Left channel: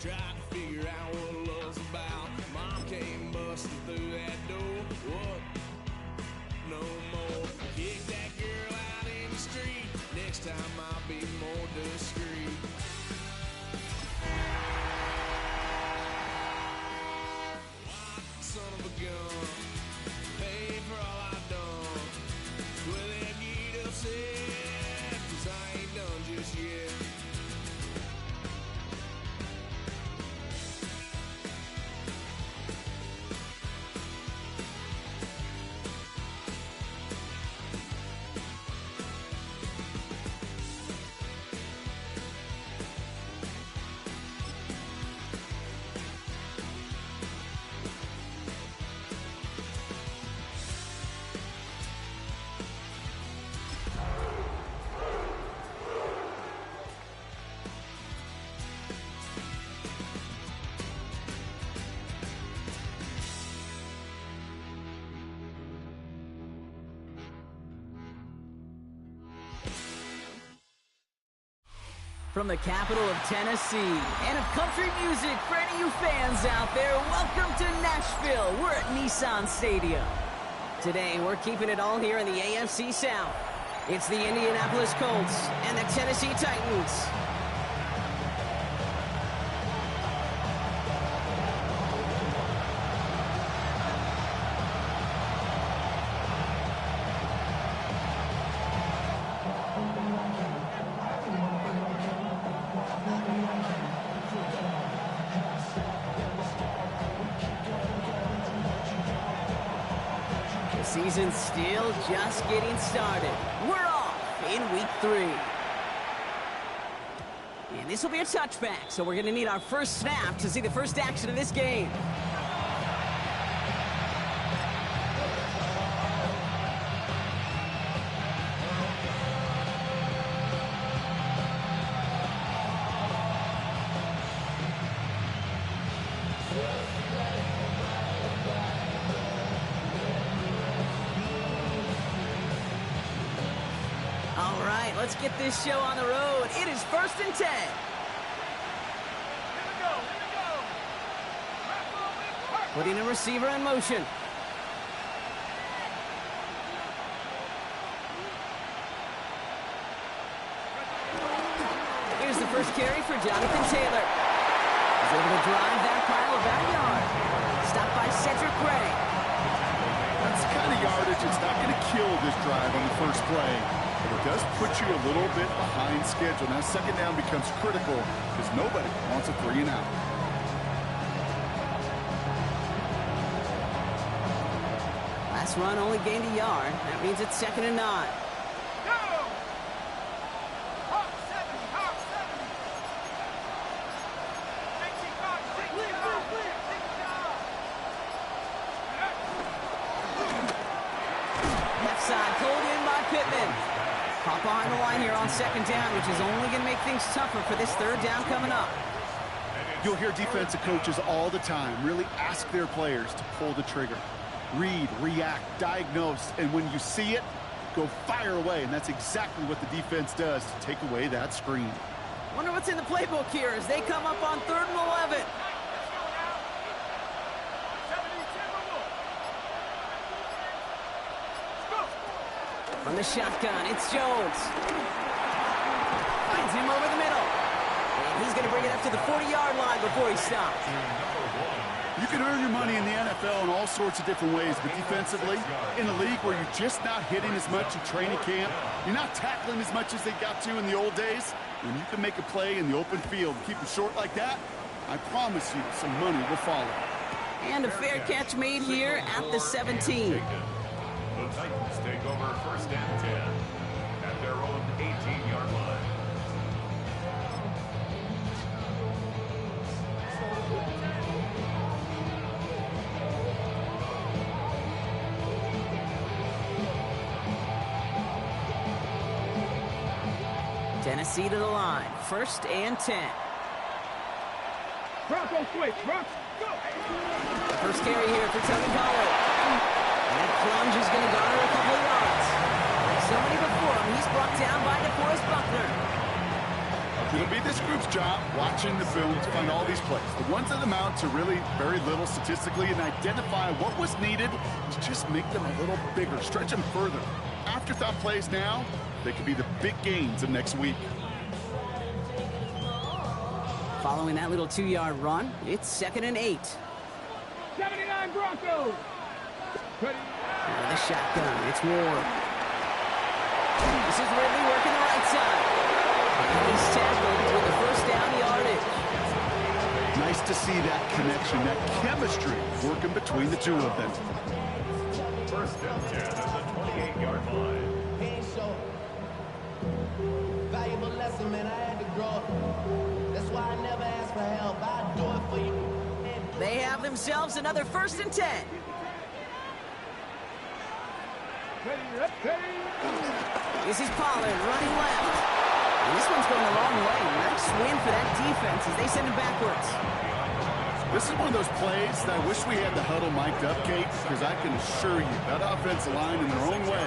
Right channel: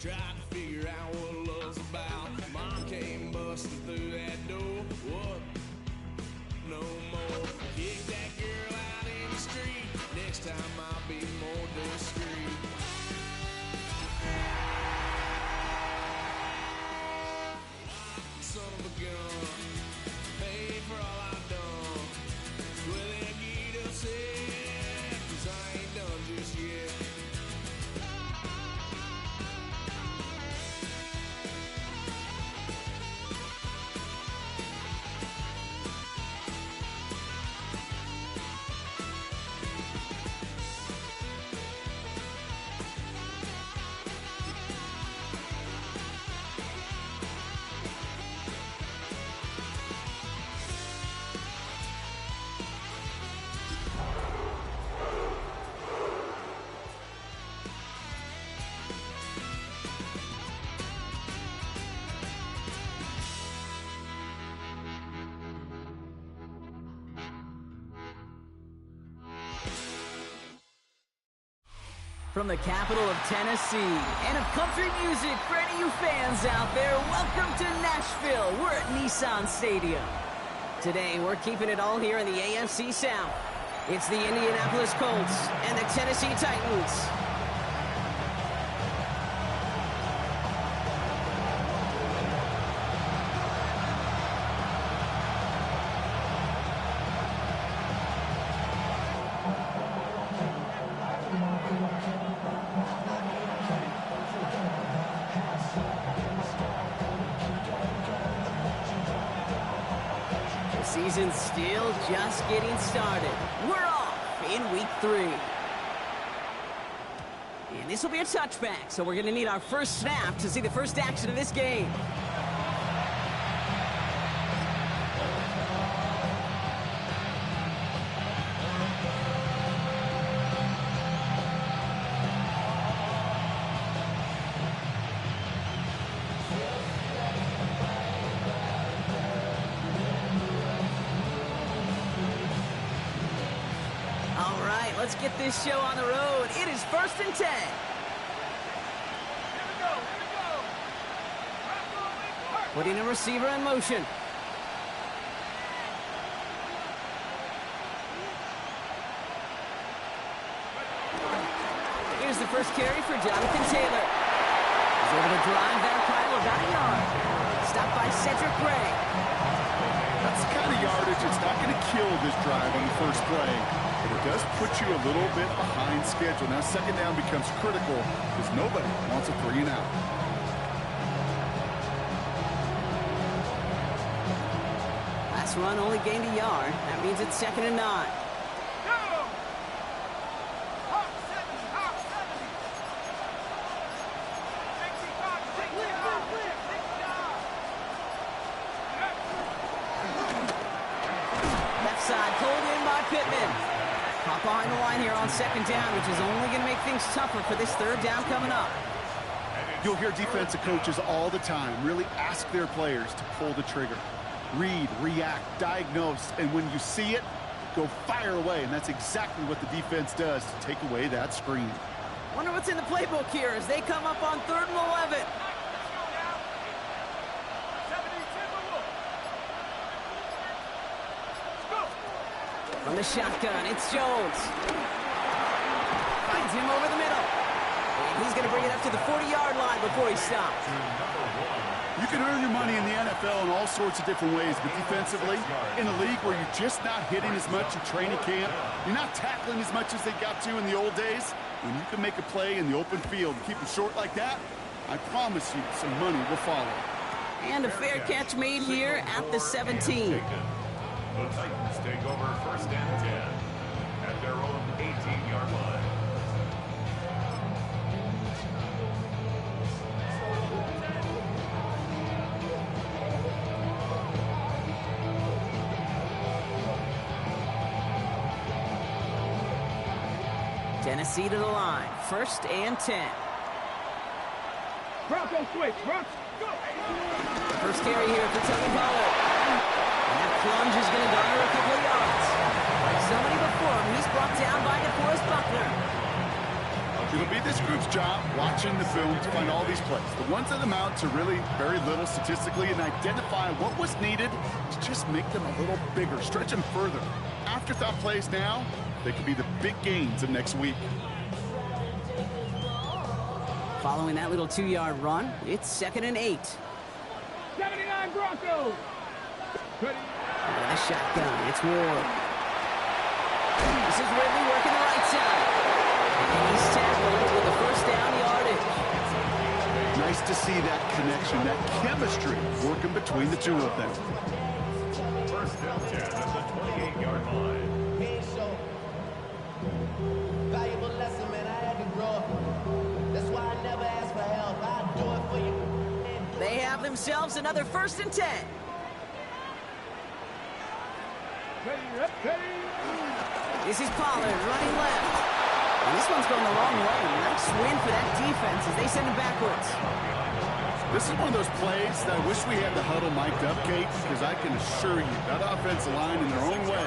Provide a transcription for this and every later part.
Tried to figure out what love's about. Mom came busting through that door. What? No more. Kick that girl out in the street. Next time I'll be more discreet. Son of a gun, pay for all I've done. Well, they get upset, 'cause I ain't done just yet. From the capital of Tennessee and of country music for any of you fans out there, welcome to Nashville. We're at Nissan Stadium. Today, we're keeping it all here in the AFC South. It's the Indianapolis Colts and the Tennessee Titans. The season's still just getting started. We're off in week 3. And this will be a touchback, so we're going to need our first snap to see the first action of this game. All right, let's get this show on the road. It is 1st and 10. Here we go. Putting a receiver in motion. Here's the first carry for Jonathan Taylor. He's able to drive that pile about a yard. Stopped by Cedric Gray. That's the kind of yardage that's not going to kill this drive on the first play. But it does put you a little bit behind schedule. Now, second down becomes critical because nobody wants a 3 and out. Last run only gained a yard. That means it's 2nd and 9. Left side pulled in by Pittman. Caught behind the line here on 2nd down, which is only going to make things tougher for this 3rd down coming up. You'll hear defensive coaches all the time really ask their players to pull the trigger. Read, react, diagnose, and when you see it, go fire away. And that's exactly what the defense does to take away that screen. Wonder what's in the playbook here as they come up on 3rd and 11. From the shotgun, it's Jones. Finds him over the middle. And he's going to bring it up to the 40-yard line before he stops. You can earn your money in the NFL in all sorts of different ways, but defensively, in a league where you're just not hitting as much in training camp, you're not tackling as much as they got to in the old days, when you can make a play in the open field and keep them short like that, I promise you some money will follow. And a fair catch made here at the 17. The Titans take over 1st and 10 at their own 18-yard line. Tennessee to the line. 1st and 10. Bronco switch. Bronco, go! First carry here for Tony Pollard. And that plunge is going to garner a couple of yards. Like so many before him, he's brought down by DeForest Buckner. It'll be this group's job watching the film to find all these plays. The ones that amount to really very little statistically and identify what was needed to just make them a little bigger, stretch them further. Afterthought plays now, they could be the big gains of next week. Following that little 2-yard run, it's 2nd and 8. 79 Broncos. With a shotgun, it's Ward. This is Ridley working the right side. And he's tackled with the first down yardage. Nice to see that connection, that chemistry working between the two of them. First down 10 at the 28-yard line. Can't show. Valuable lesson, man. I had to grow up. That's why I never ask for help. I'll do it for you. They have themselves another 1st and 10. This is Pollard running left. And this one's going the wrong way. Nice win for that defense as they send him backwards. This is one of those plays that I wish we had the huddle mic'd up, Kate, because I can assure you that offensive line in their own way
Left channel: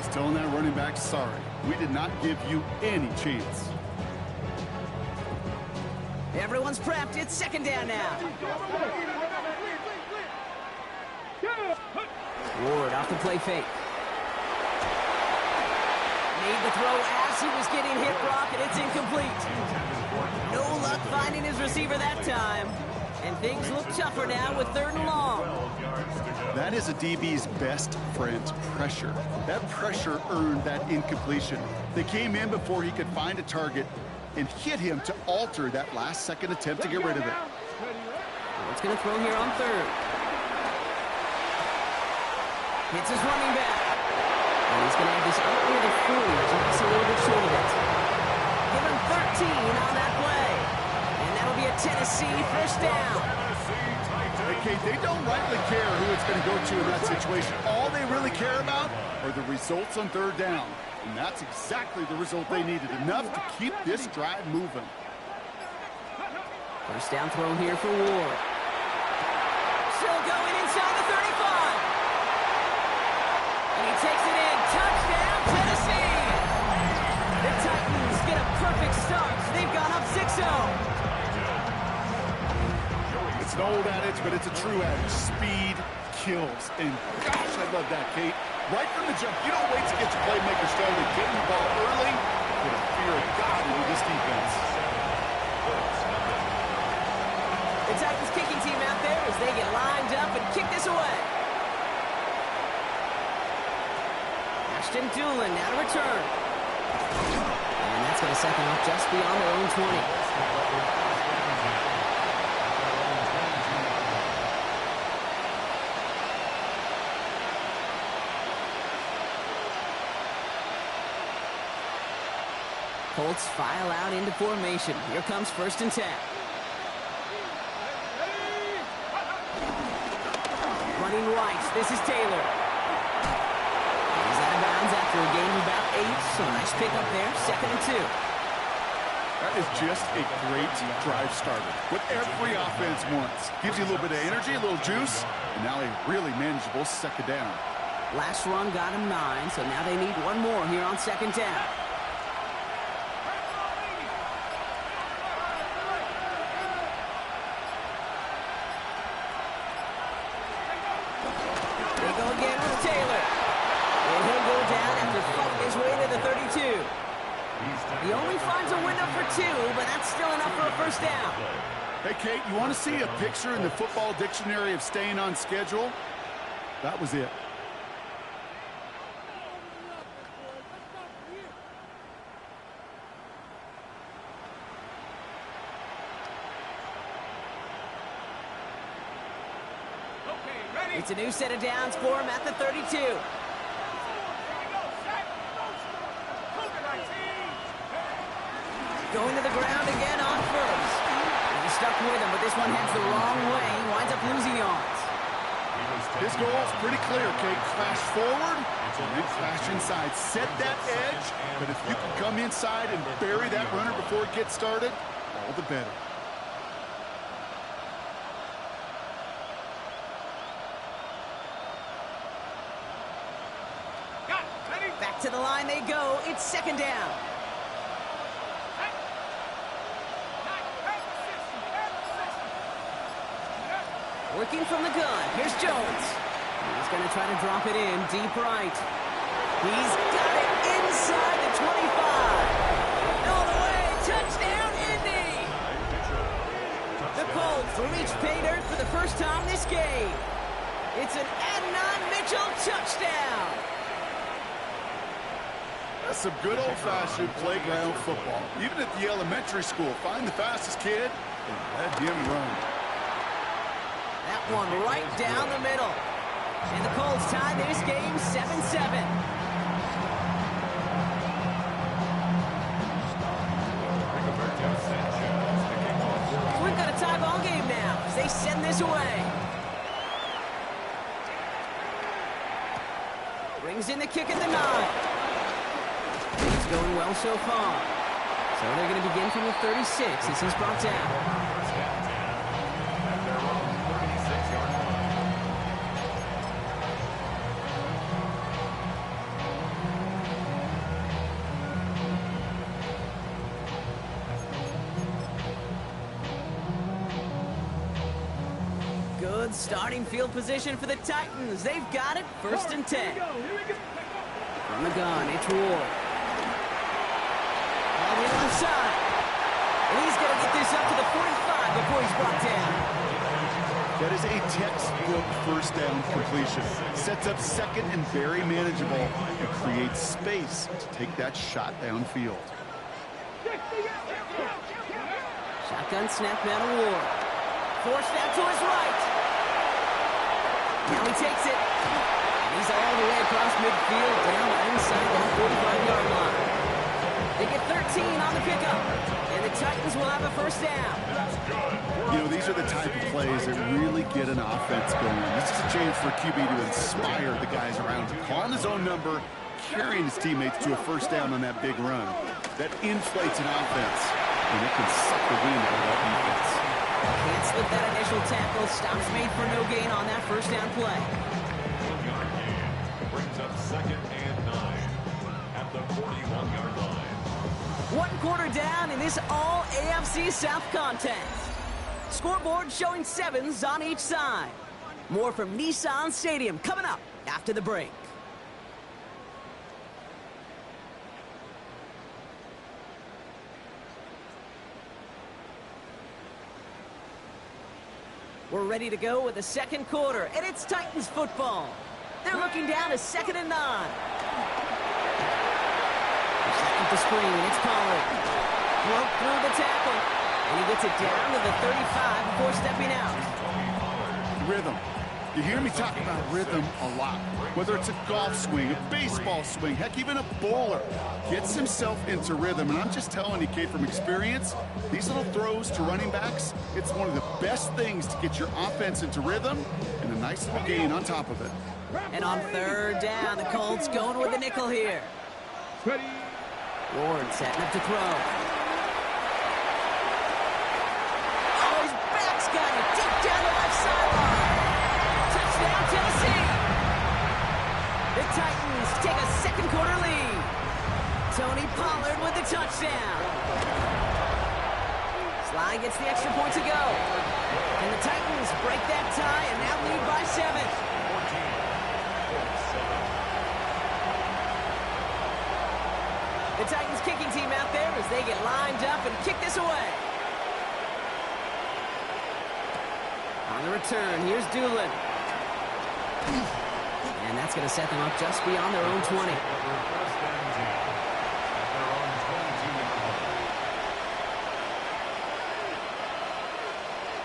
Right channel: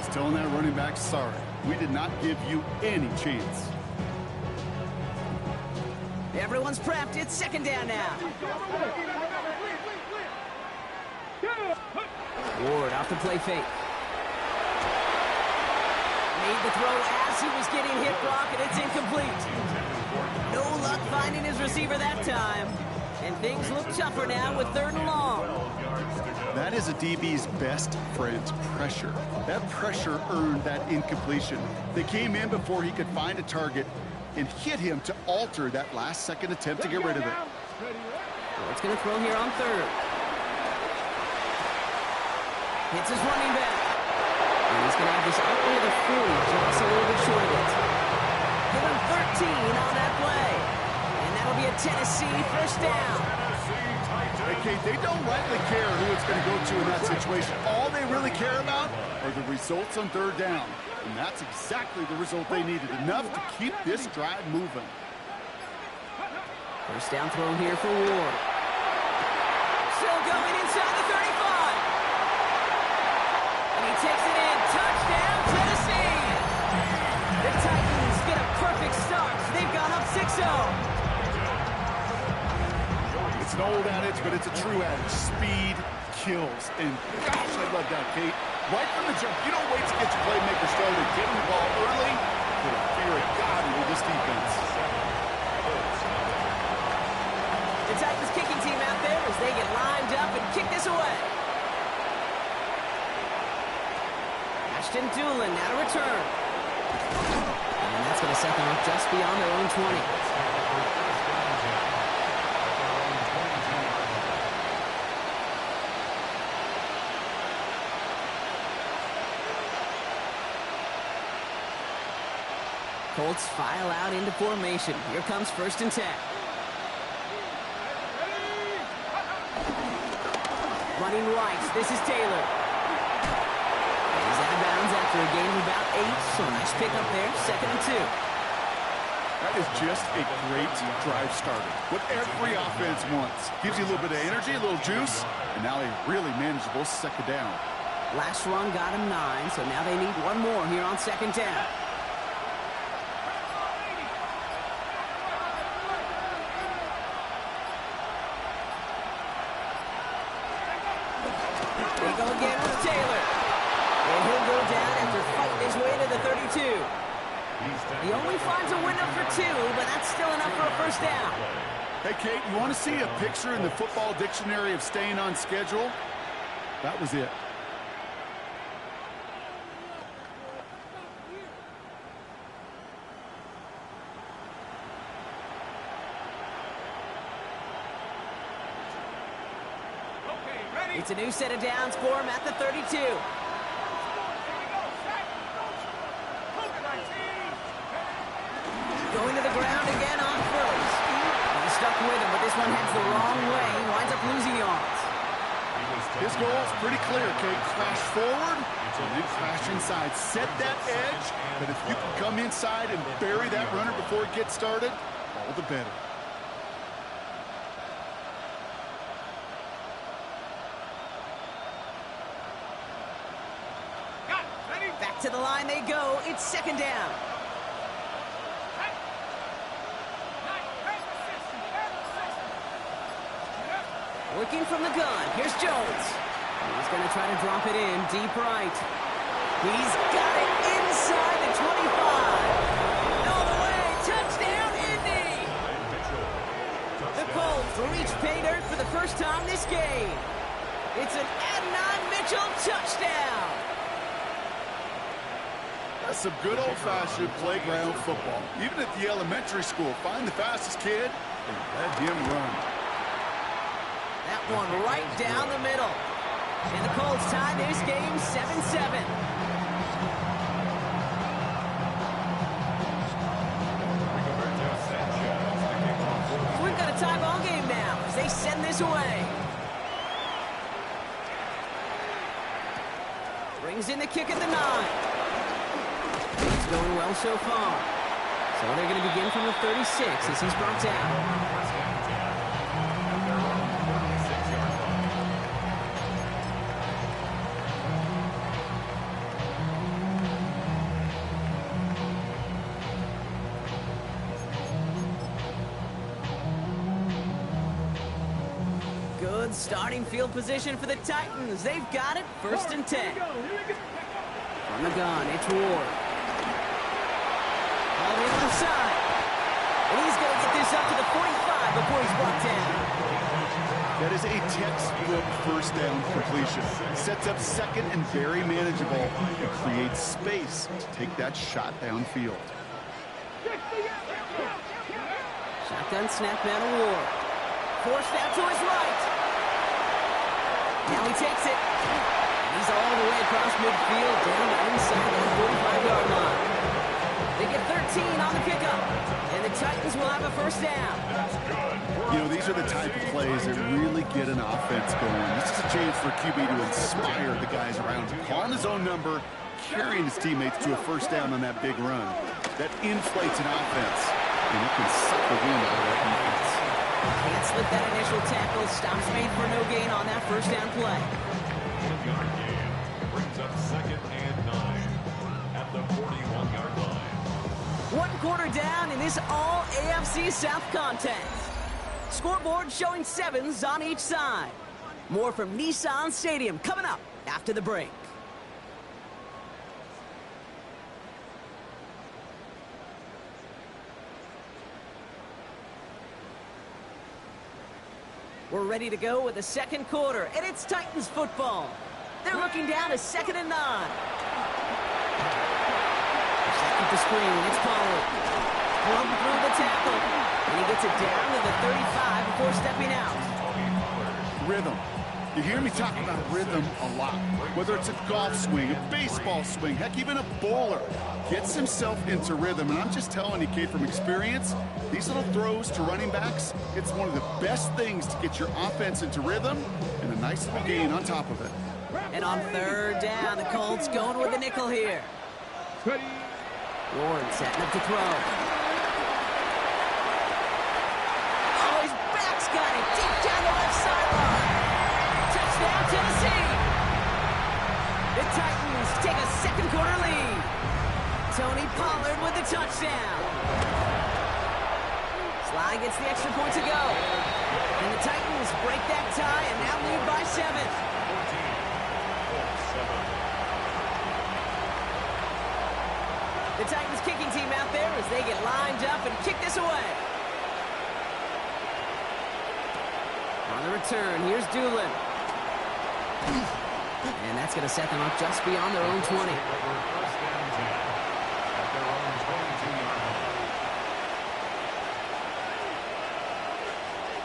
is telling that running back, sorry, we did not give you any chance. Everyone's prepped. It's 2nd down now. Ward off the play fake. Made the throw as he was getting hit, Brock, and it's incomplete. No luck finding his receiver that time. And things look tougher now with 3rd and long. That is a DB's best friend, pressure. That pressure earned that incompletion. They came in before he could find a target and hit him to alter that last-second attempt to get rid of it. What's going to throw here on 3rd? Hits his running back. And he's going to have this out near the 40, just a little bit short of it. Give him 13 on that play. And that'll be a Tennessee 1st down. Okay, they don't rightly care who it's going to go to in that situation. All they really care about are the results on 3rd down. And that's exactly the result they needed. Enough to keep this drive moving. 1st down throw here for Ward. Still going inside the 35. And he takes it in. Touchdown, Tennessee! The Titans get a perfect start. They've gone up 6-0. It's an old adage, but it's a true adage. Speed kills. And gosh, I love that, Kate. Right from the jump, you don't wait to get your playmaker started. Get him the ball early. Put a fear of God into this defense. The Titans kicking team out there as they get lined up and kick this away. Ashton Doolin now to return. And that's going to set them up just beyond their own 20. Colts file out into formation. Here comes 1st and 10. Running right, this is Taylor. He's out of bounds after a gain of about 8, so a nice pickup there, 2nd and 2. That is just a great drive starter. What every offense wants. Gives you a little bit of energy, a little juice, and now a really manageable 2nd down. Last run got him 9, so now they need one more here on 2nd down. They go again with Taylor. And he'll go down after fighting his way to the 32. He only finds a window for 2, but that's still enough for a 1st down. Hey, Kate, you want to see a picture in the football dictionary of staying on schedule? That was it. It's a new set of downs for him at the 32. Going to the ground again on 1st. He's stuck with him, but this one heads the wrong way. He winds up losing yards. His goal is pretty clear, Kate. Crash forward and then crash inside. Set that edge, but if you can come inside and bury that runner before it gets started, all the better. Back to the line they go. It's 2nd down. Working from the gun. Here's Jones. He's going to try to drop it in deep right. He's got it inside the 25. All the way. Touchdown, Indy. The Colts reach pay dirt for the first time this game. It's an Adnan Mitchell touchdown. That's some good old-fashioned playground football. Even at the elementary school, find the fastest kid and let him run. That one right down the middle. And the Colts tie this game 7-7. So we've got a tie ball game now as they send this away. Brings in the kick at the 9. It's going well so far. So they're going to begin from the 36 as he's brought down. First down 10 at their own 36-yard line. Good starting field position for the Titans. They've got it, 1st and 10. From the gun, it's Ward. All the left side. And he's going to get this up to the 45 before he's brought down. That is a textbook first down completion. Sets up second and very manageable and creates space to take that shot downfield. Shotgun snap out of Ward. Forced out to his right. Now he takes it. And he's all the way across midfield down inside that 45-yard line. They get 13 on the pickup. And the Titans will have a first down. You know, these are the type of plays that really get an offense going. This is a chance for QB to inspire the guys around him. Calling his own number, carrying his teammates to a first down on that big run. That inflates an offense, and it can suck the wind out of that defense. Can't slip that initial tackle. Stops made for no gain on that first down play. 1-yard gain brings up 2nd and 9 at the 41-yard line. 1 quarter down in this all AFC South contest. Scoreboard showing 7s on each side. More from Nissan Stadium coming up after the break. We're ready to go with the second quarter, and it's Titans football. They're looking down to 2nd and 9. Second to screen, it's Pollard. Broke through the tackle, and he gets it down to the 35 before stepping out. Rhythm. You hear me talk about rhythm a lot. Whether it's a golf swing, a baseball swing, heck, even a bowler gets himself into rhythm. And I'm just telling you, kid, from experience, these little throws to running backs, it's one of the best things to get your offense into rhythm and a nice little gain on top of it. And on 3rd down, the Colts going with the nickel here. Ward setting up to throw. Oh, his back's got it deep down the left sideline. Touchdown, Tennessee. The Titans take a second quarter lead. Tony Pollard with the touchdown. Sly gets the extra point to go. And the Titans break that tie and now lead by 7. 14-7. The Titans kicking team out there as they get lined up and kick this away. On the return, here's Doolin. And that's going to set them up just beyond their own 20. First and 10 at their own 22-yard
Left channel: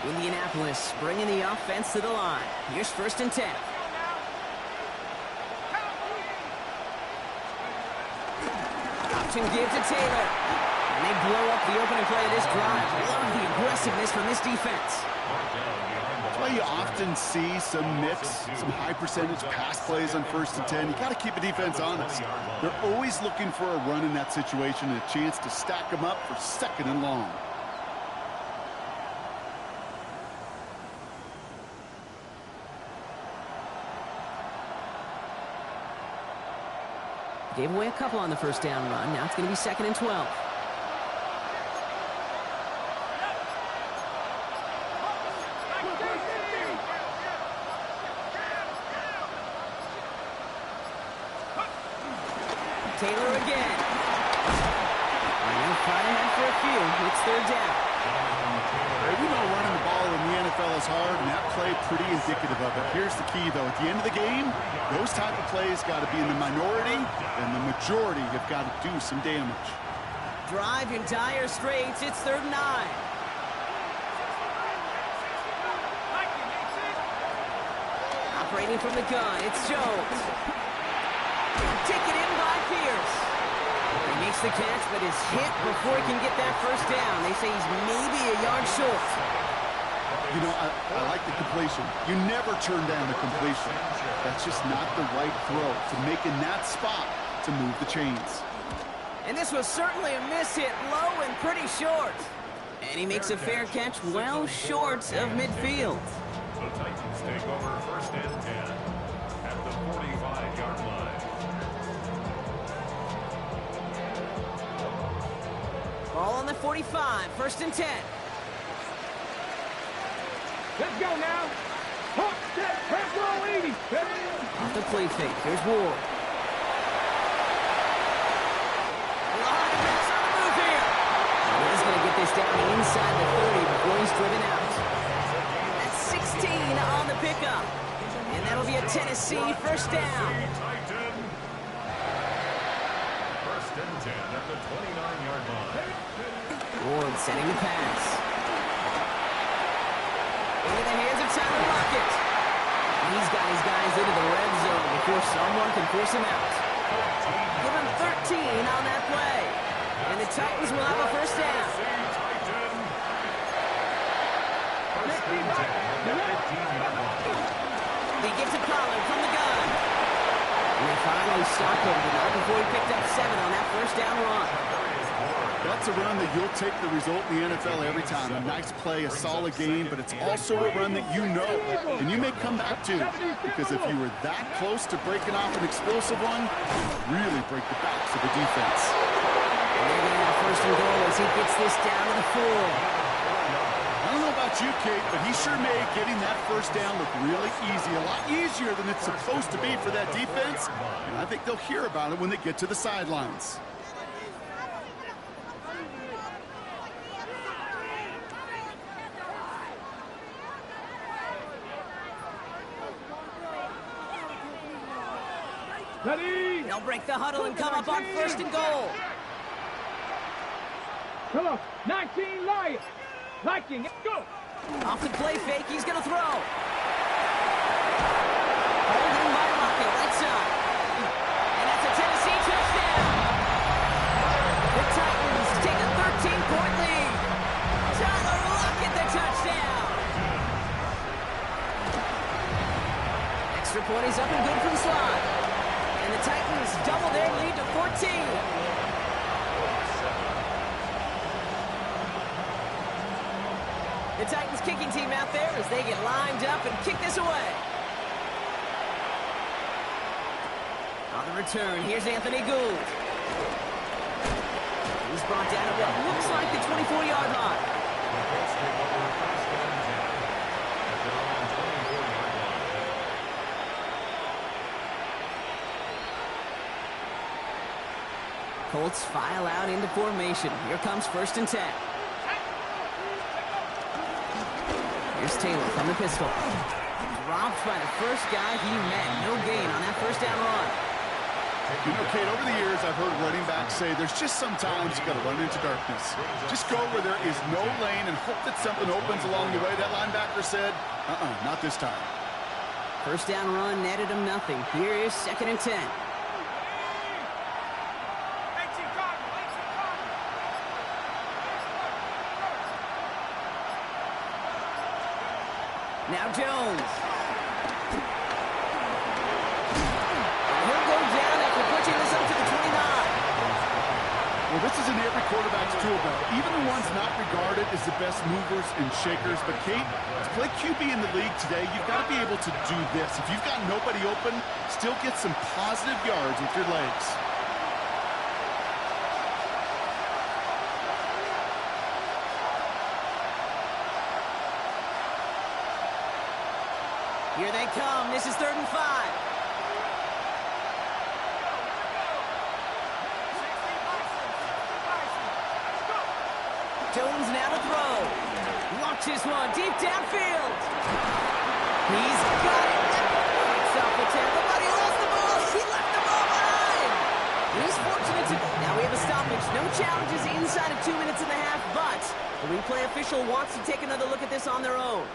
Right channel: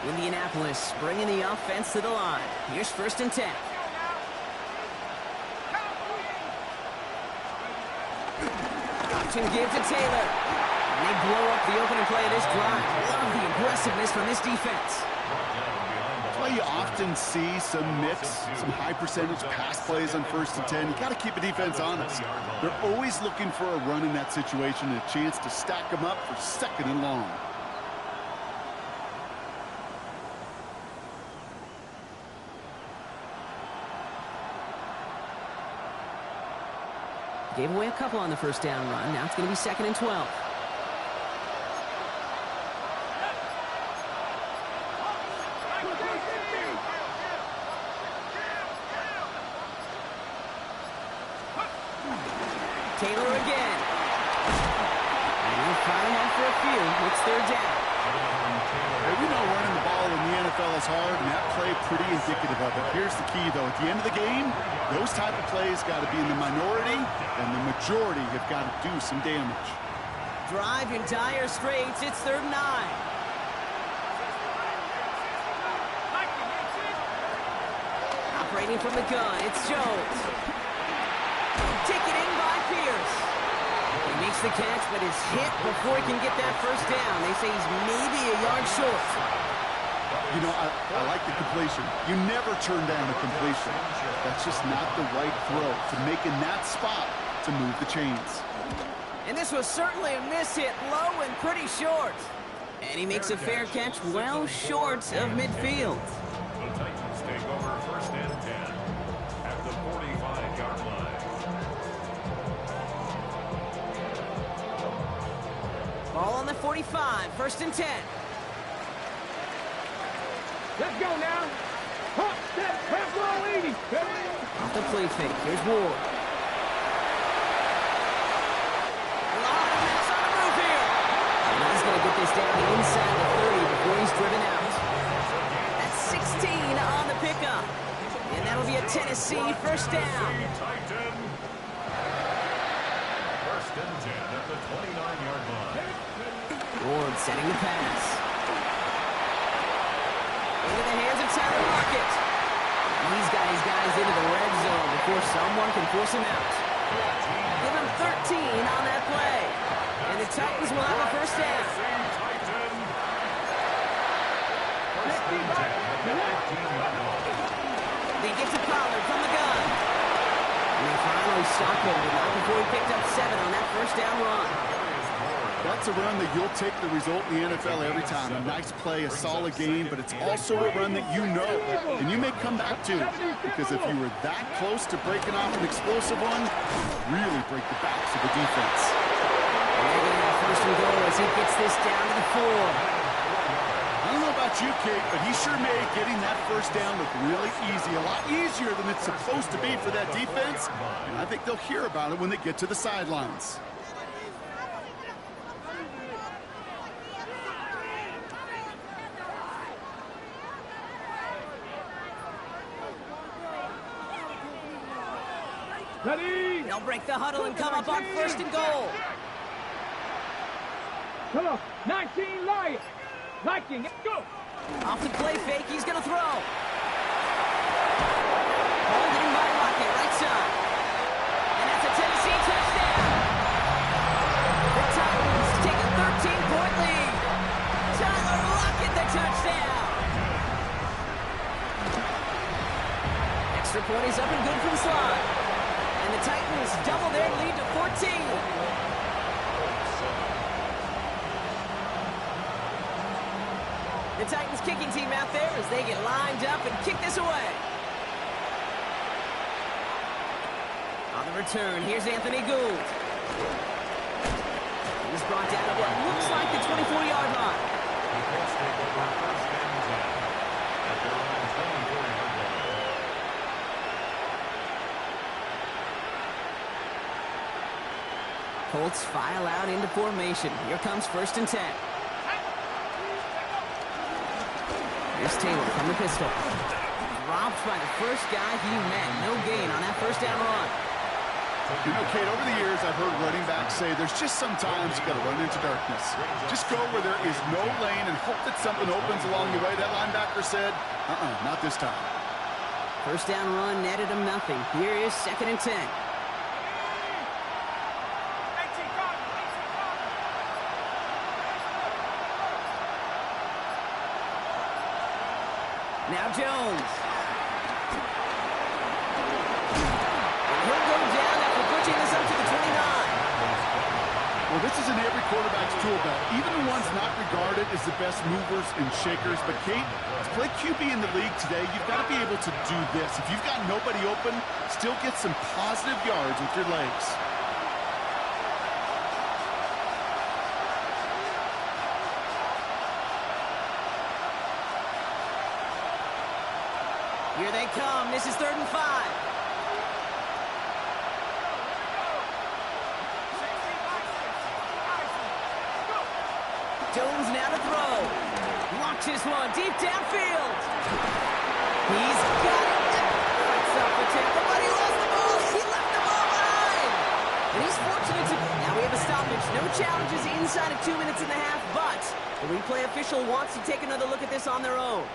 line. Indianapolis bringing the offense to the line. Here's 1st and 10. Option give to Taylor. And they blow up the opening play of this drive. Love the aggressiveness from this defense. That's why you often see some mix, some high percentage pass plays on 1st and 10. You got to keep the defense honest. They're always looking for a run in that situation and a chance to stack them up for 2nd and long. Gave away a couple on the first down run. Now it's going to be 2nd and 12. Taylor again. And he'll fight ahead for a few. It's third down. Hey, we know running the ball in the NFL is hard, and that play pretty indicative of it. Here's the key, though. At the end of the game, those type of plays got to be in the minority, and the majority have got to do some damage. Drive in dire straits. It's third and 9. Operating from the gun, it's Jones. Taken in by Pierce. He makes the catch, but is hit before he can get that first down. They say he's maybe a yard short. You know, I like the completion. You never turn down a completion. That's just not the right throw to making that spot to move the chains. And this was certainly a miss hit, low and pretty short. And he makes a fair catch well short of midfield. The Titans take over first and 10 at the 45-yard line. Ball on the 45, first and 10. Let's go now. Hop, step, press, roll, 80. Off the play fake, here's Ward. A lot of mess on the move here. And he's going to get this down inside the 30 before he's driven out. That's 16 on the pickup. And that'll be a Tennessee first down. First and 10 at the 29-yard line. Ward setting the pass. Into the hands of Tyler Lockett. He's got his guys into the red zone before someone can force him out. Give him 13 on that play. And the Titans will have a first down. First and 10 at the 15-yard line. They get to Pollard from the gun. And they finally stop him, but not before he picked up 7 on that first down run. That's a run that you'll take the result in the NFL every time. A nice play, a solid game, but it's also a run that you know and you may come back to. Because if you were that close to breaking off an explosive one, really break the backs of the defense. And they're going to have first and goal as he gets this down to the 4. I don't know about you, Kate, but he sure made getting that first down look really easy. A lot easier than it's supposed to be for that defense. And I think they'll hear about it when they get to the sidelines. They'll break the huddle and come up on first and goal. Come on, 19 Lion. Viking, go. Off the play fake, he's going to throw. Hauled in by Lockett, right side. And that's a Tennessee touchdown. The Titans take a 13-point lead. Tyler Lockett, the touchdown. Extra point is up and good from the slot. And the Titans double their lead to 14. The Titans kicking team out there as they get lined up and kick this away. On the return, here's Anthony Gould. He's brought down at what looks like the 24-yard line. The Colts take over first and 10 at their own 24-yard line. Colts file out into formation. Here comes first and 10. Here's Taylor from the pistol. Dropped by the first guy he met. No gain on that first down run. You know, Kate, over the years, I've heard running backs say there's just sometimes you got to run into darkness. Just go where there is no lane and hope that something opens along the way. That linebacker said, not this time. First down run netted him nothing. Here is second and 10. Now Jones. And he'll go down after pushing this up to the 29. Well, this is in every quarterback's tool belt. Even the ones not regarded as the best movers and shakers. But, Kate, to play QB in the league today, you've got to be able to do this. If you've got nobody open, still get some positive yards with your legs. Here they come. This is 3rd and 5. Stones now to throw. Launches one deep downfield. He's got it. Fights off the tackle, but he lost the ball. He left the ball behind. And he's fortunate to... Now we have a stoppage. No challenges inside of 2 minutes and a half, but the replay official wants to take another look at this on their own.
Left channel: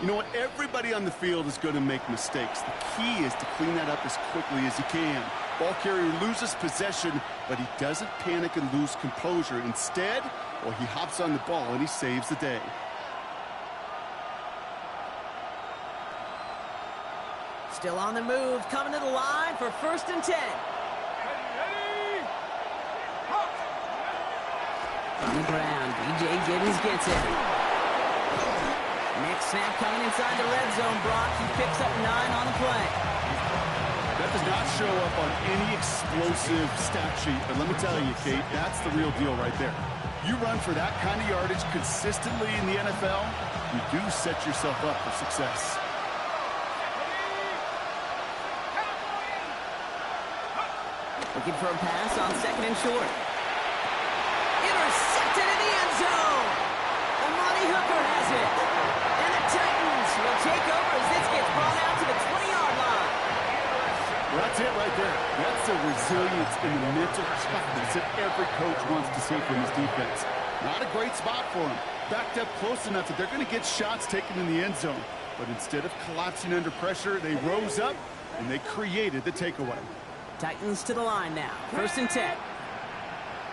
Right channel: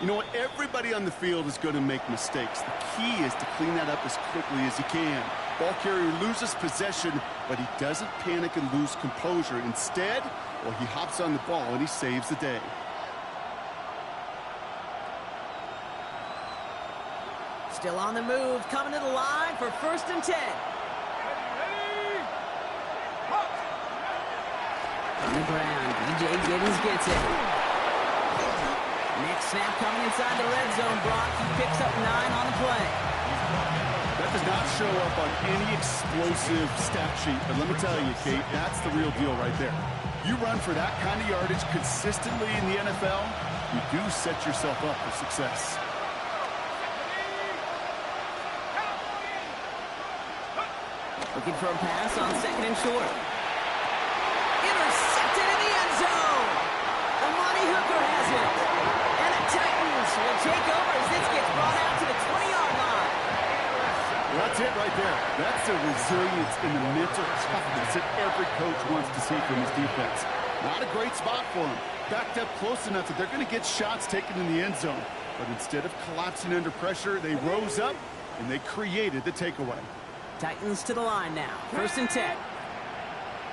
You know what? Everybody on the field is going to make mistakes. The key is to clean that up as quickly as you can. Ball carrier loses possession, but he doesn't panic and lose composure. Instead, well, he hops on the ball and he saves the day. Still on the move, coming to the line for 1st and 10. On the ground, B.J. Giddens gets it. Next snap coming inside the red zone. Brock, he picks up 9 on the play. That does not show up on any explosive stat sheet, but let me tell you, Kate, that's the real deal right there. You run for that kind of yardage consistently in the NFL, you do set yourself up for success. Looking for a pass on 2nd and short. Intercepted in the end zone. Amani Hooker has it. And the Titans will take over as this gets brought out to the 20-yard line. Well, that's it right there. That's the resilience and the mental toughness that every coach wants to see from his defense. Not a great spot for him. Backed up close enough that they're going to get shots taken in the end zone. But instead of collapsing under pressure, they rose up and they created the takeaway. Titans to the line now. 1st and 10.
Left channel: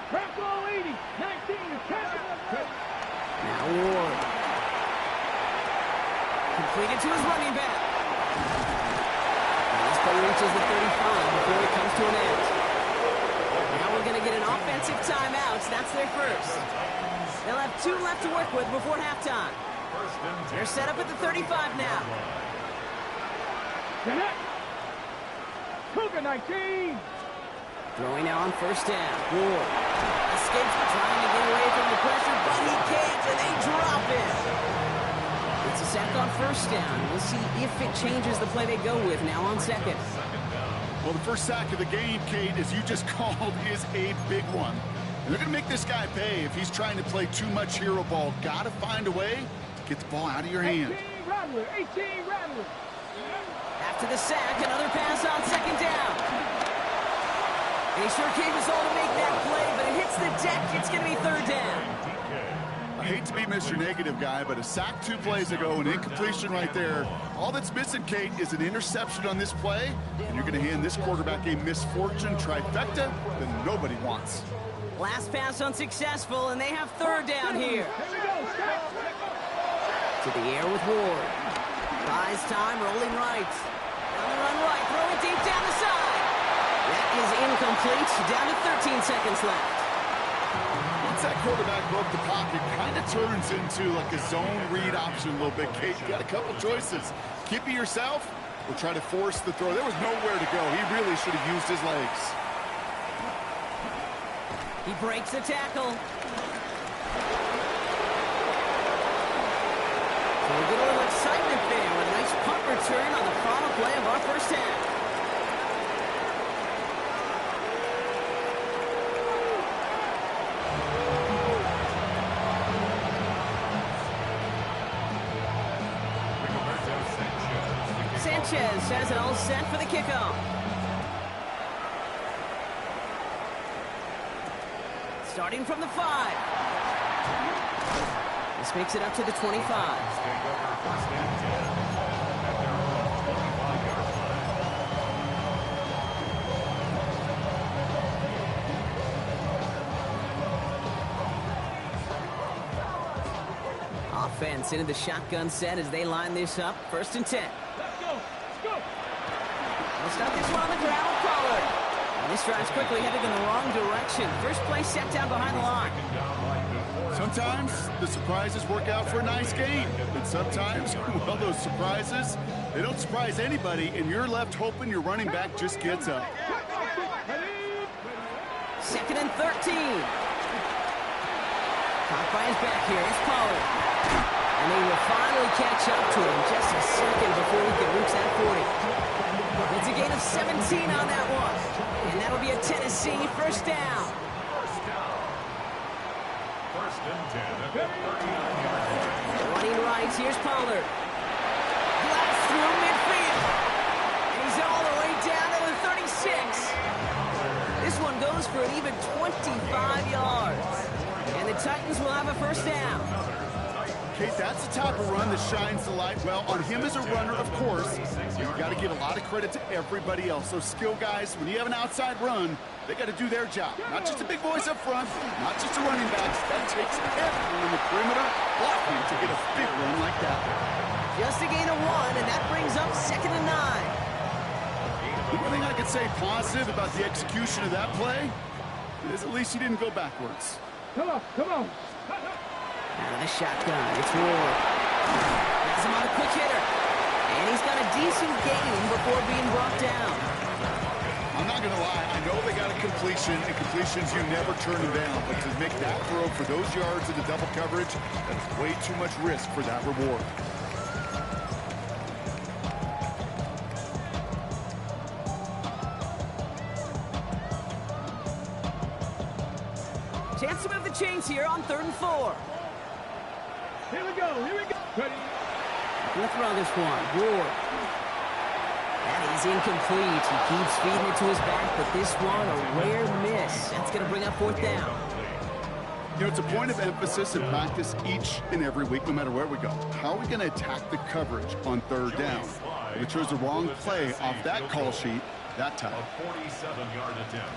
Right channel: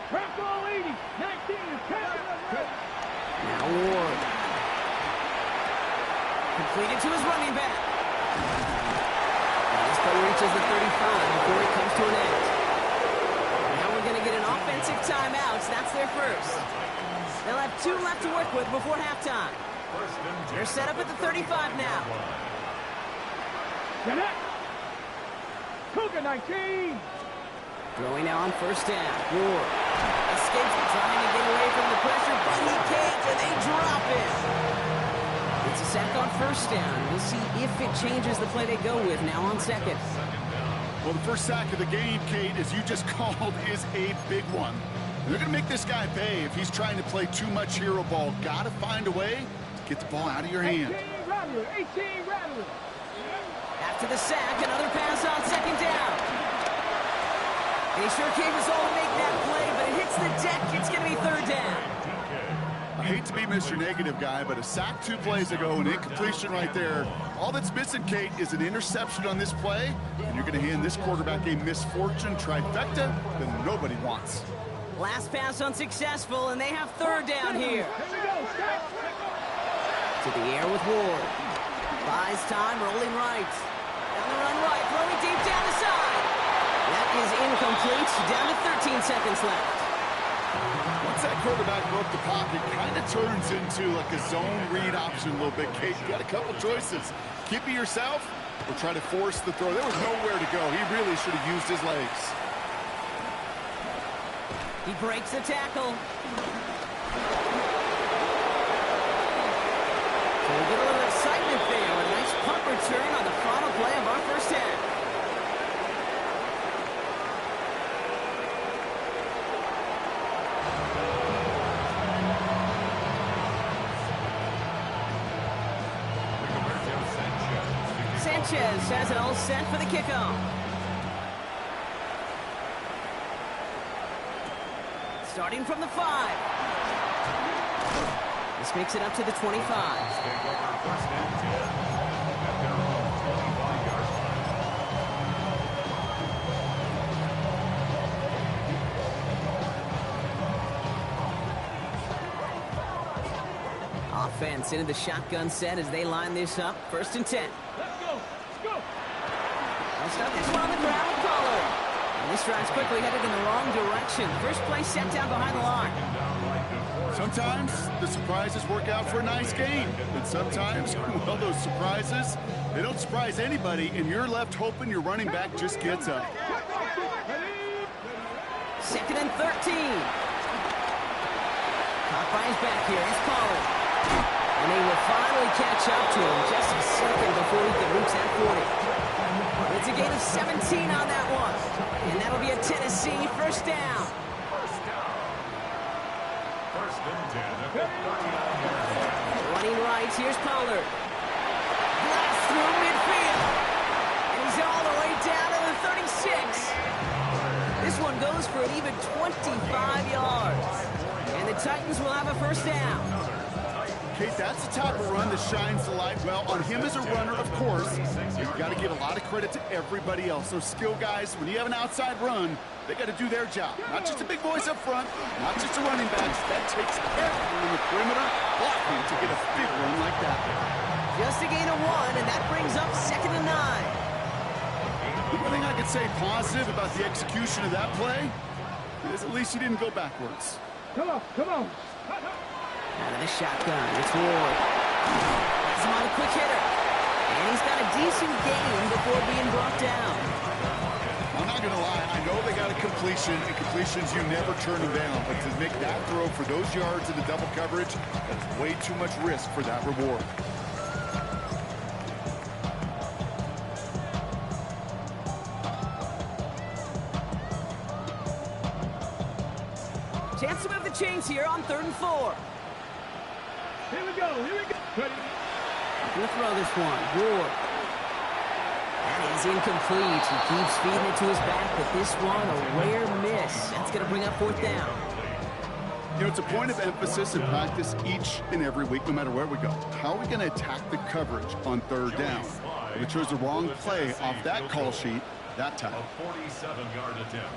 Crack ball 80. 19 is counted. Now Ward. Completed to his running back. And this play reaches the 35 before it comes to an end. Now we're going to get an offensive timeout. That's their first. They'll have 2 left to work with before halftime. They're set up at the 35 now. Get it. Cougar 19. Throwing now on 1st down. Ward escapes trying to get away from the pressure, but he can't, and they drop him. It's a sack on 1st down. We'll see if it changes the play they go with now on 2nd. Well, the first sack of the game, Kate, as you just called, is a big one. And they're going to make this guy pay if he's trying to play too much hero ball. Got to find a way to get the ball out of your hand. 18 Rattler. 18 Rattler. After the sack, another pass on 2nd down. And he sure gave us all to make that play, but it hits the deck. It's going to be 3rd down. I hate to be Mr. Negative guy, but a sack 2 plays ago, an incompletion right there. All that's missing, Kate, is an interception on this play, and you're going to hand this quarterback a misfortune trifecta that nobody wants. Last pass unsuccessful, and they have 3rd down here. To the air with Ward. Buys time, rolling right. Down the run right, throwing deep down the side. That is incomplete. Down to 13 seconds left. Once that quarterback broke the pocket, kind of turns into like a zone read option a little bit. Kate, you got a couple choices. Keep it yourself or try to force the throw. There was nowhere to go. He really should have used his legs. He breaks the tackle. So we get a little excitement there with a nice punt return on the final play of our first half. Sanchez has it all set for the kickoff. Starting from the 5. This makes it up to the 25. Take over 1st and 10 at their own 25-yard line. Offense into the shotgun set as they line this up. 1st and 10. Let's go. Let's go. They'll start this one on the ground with Pollard. And this drive's quickly headed in the wrong direction. First play set down behind the line. Sometimes the surprises work out for a nice game. But sometimes, well, those surprises, they don't surprise anybody, and you're left hoping your running back just gets up. 2nd and 13. Caught by his back here. It's Pollard. And they will finally catch up to him just a second before he can reach that 40. It's a gain of 17 on that one. And that'll be a Tennessee 1st down. first and 10 at the 39-yard line. Running right, here's Pollard. Blast through midfield. And he's all the way down to the 36. This one goes for an even 25 yards. And the Titans will have a first down. Kate, that's the type of run that shines the light well on him as a runner, of course. You've got to give a lot of credit to everybody else. Those skill guys, when you have an outside run, they got to do their job. Not just a big voice up front, not just a running backs. That takes everyone in the perimeter blocking to get a big run like that. Just a gain of 1, and that brings up 2nd and 9. The one thing I could say positive about the execution of that play is at least he didn't go backwards. Come on, come on. Out of the shotgun, it's Ward. Has him on a quick hitter. And he's got a decent gain before being brought down. I'm not going to lie, I know they got a completion, and completions, you never turn them down. But to make that throw for those yards in the double coverage, that's way too much risk for that reward. Chance to move the chains here on 3rd and 4. Here we go, here we go. Ready? Gonna throw this one. Ward. That is incomplete. He keeps feeding it to his back, but this one, a rare miss. That's gonna bring up 4th down. You know, it's a point of emphasis in practice each and every week, no matter where we go. How are we going to attack the coverage on 3rd down? We chose the wrong play off that call sheet that time. A 47-yard attempt.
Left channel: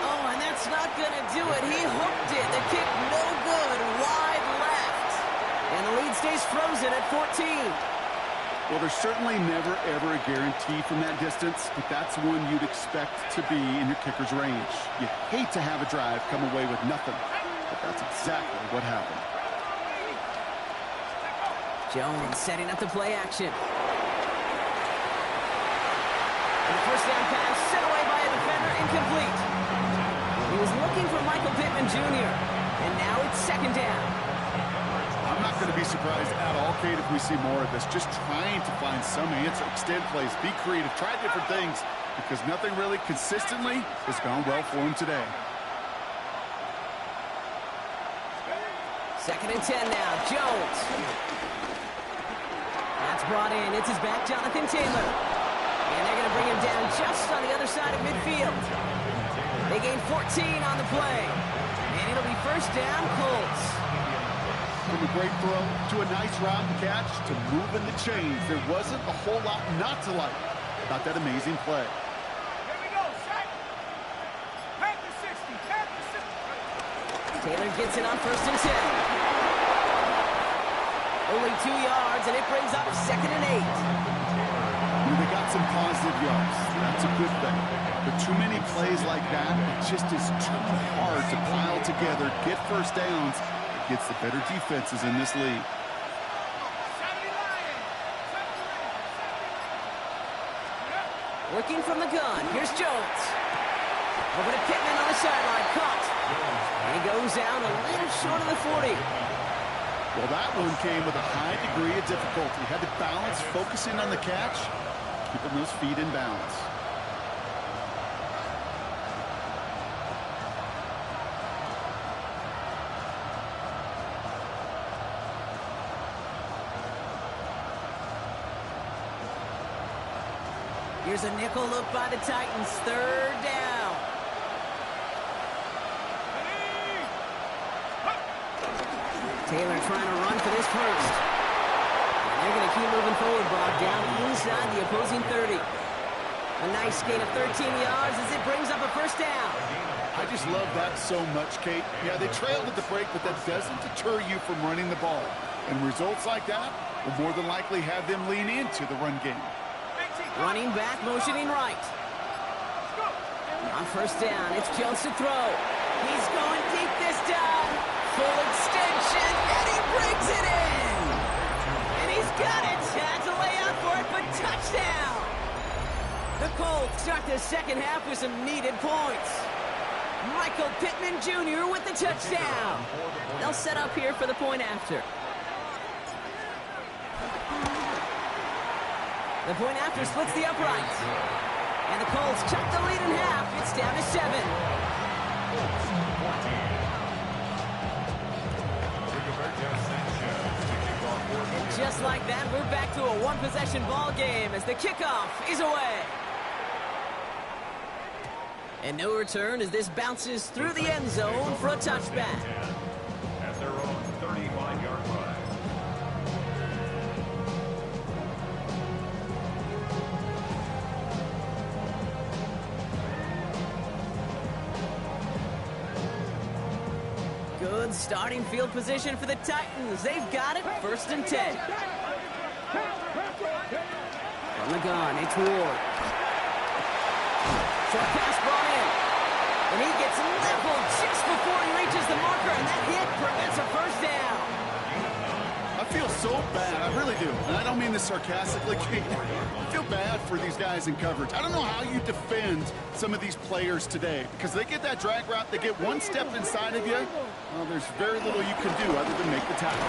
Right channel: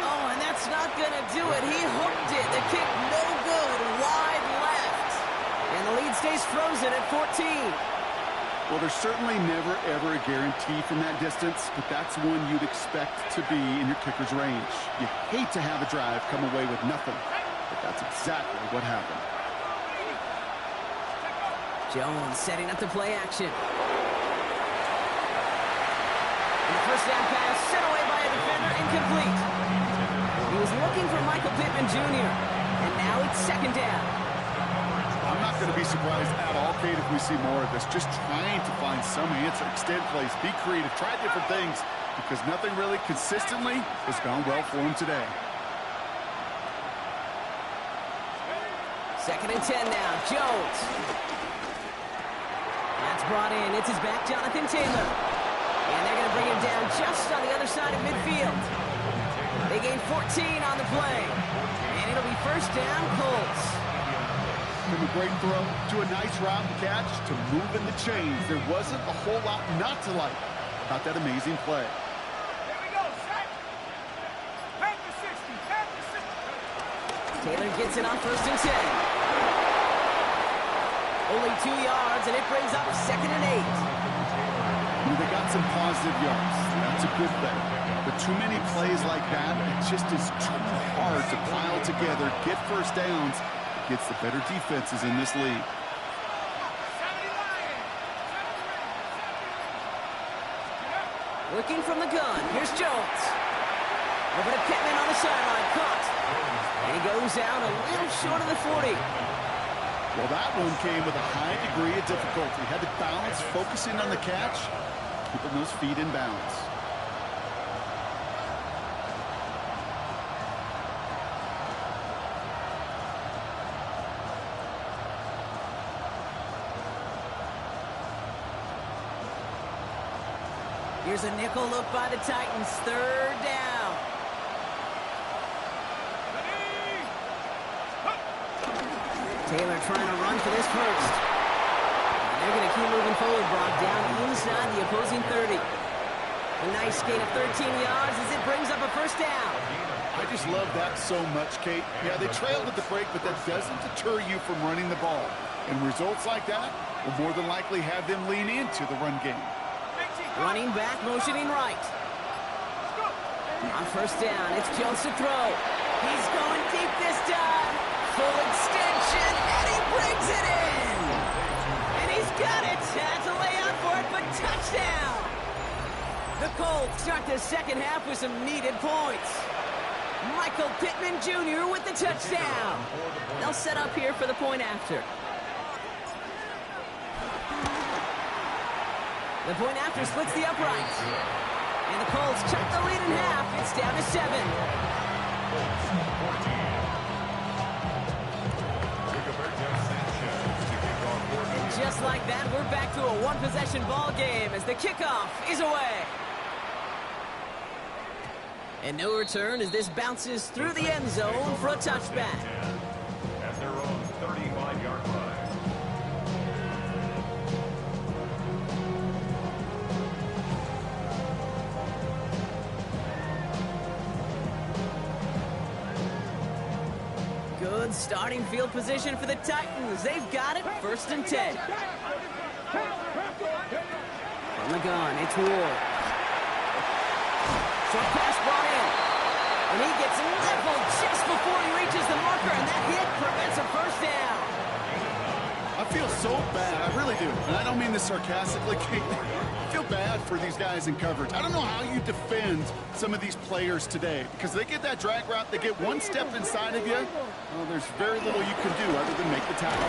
Oh, and that's not gonna do it. He hooked it. The kick no good. Wide left. And the lead stays frozen at 14. Well, there's certainly never, ever a guarantee from that distance, but that's one you'd expect to be in your kicker's range. You hate to have a drive come away with nothing, but that's exactly what happened. Jones setting up the play action. And the first down pass sent away by a defender, incomplete. He was looking for Michael Pittman Jr., and now it's 2nd down. I'm not going to be surprised at all, Kate, if we see more of this. Just trying to find some answer, extend plays, be creative, try different things, because nothing really consistently has gone well for him today. 2nd and 10 now. Jones. That's brought in. It's his back, Jonathan Taylor. And they're going to bring him down just on the other side of midfield. They gain 14 on the play. And it'll be 1st down, Colts. From a great throw to a nice route and catch to moving the chains, there wasn't a whole lot not to like about that amazing play. Here we go, set. Back to 60, back to 60. Taylor gets it on 1st and 10. Only 2 yards, and it brings up 2nd and 8. They got some positive yards. That's a good thing. But too many plays like that, it just is too hard to pile together, get first downs against the better defenses in this league. Working from the gun. Here's Jones. Over to Pittman on the sideline. Caught. And he goes out a little short of the 40. Well, that one came with a high degree of difficulty. Had to balance, focusing on the catch, keeping those feet in bounds. Here's a nickel look by the Titans. 3rd down. Taylor trying to run for this first. And they're going to keep moving forward, Brock, down inside the opposing 30. A nice gain of 13 yards as it brings up a 1st down. I just love that so much, Kate. Yeah, they trailed at the break, but that doesn't deter you from running the ball. And results like that will more than likely have them lean into the run game. Running back, motioning right. On 1st down, it's Jones to throw. He's going deep this time. Full extension, and he brings it in. And he's got it. Had to lay out for it, but touchdown. The Colts start the 2nd half with some needed points. Michael Pittman Jr. with the touchdown. They'll set up here for the point after. The point after splits the uprights. And the Colts cut the lead in half. It's down to 7. Colts 14. And just like that, we're back to a one-possession ball game as the kickoff is away. And no return as this bounces through the end zone for a touchback. At their own 35-yard line. Good starting field position for the Titans. They've got it, 1st and 10. From the gun, it's Ward. Short pass brought in. And he gets leveled just before he reaches the marker, and that hit prevents a first down. I feel so bad, I really do, and I don't mean this sarcastically, Kate. I feel bad for these guys in coverage. I don't know how you defend some of these players today, because they get that drag route, they get one step inside of you, well, there's very little you can do other than make the tackle.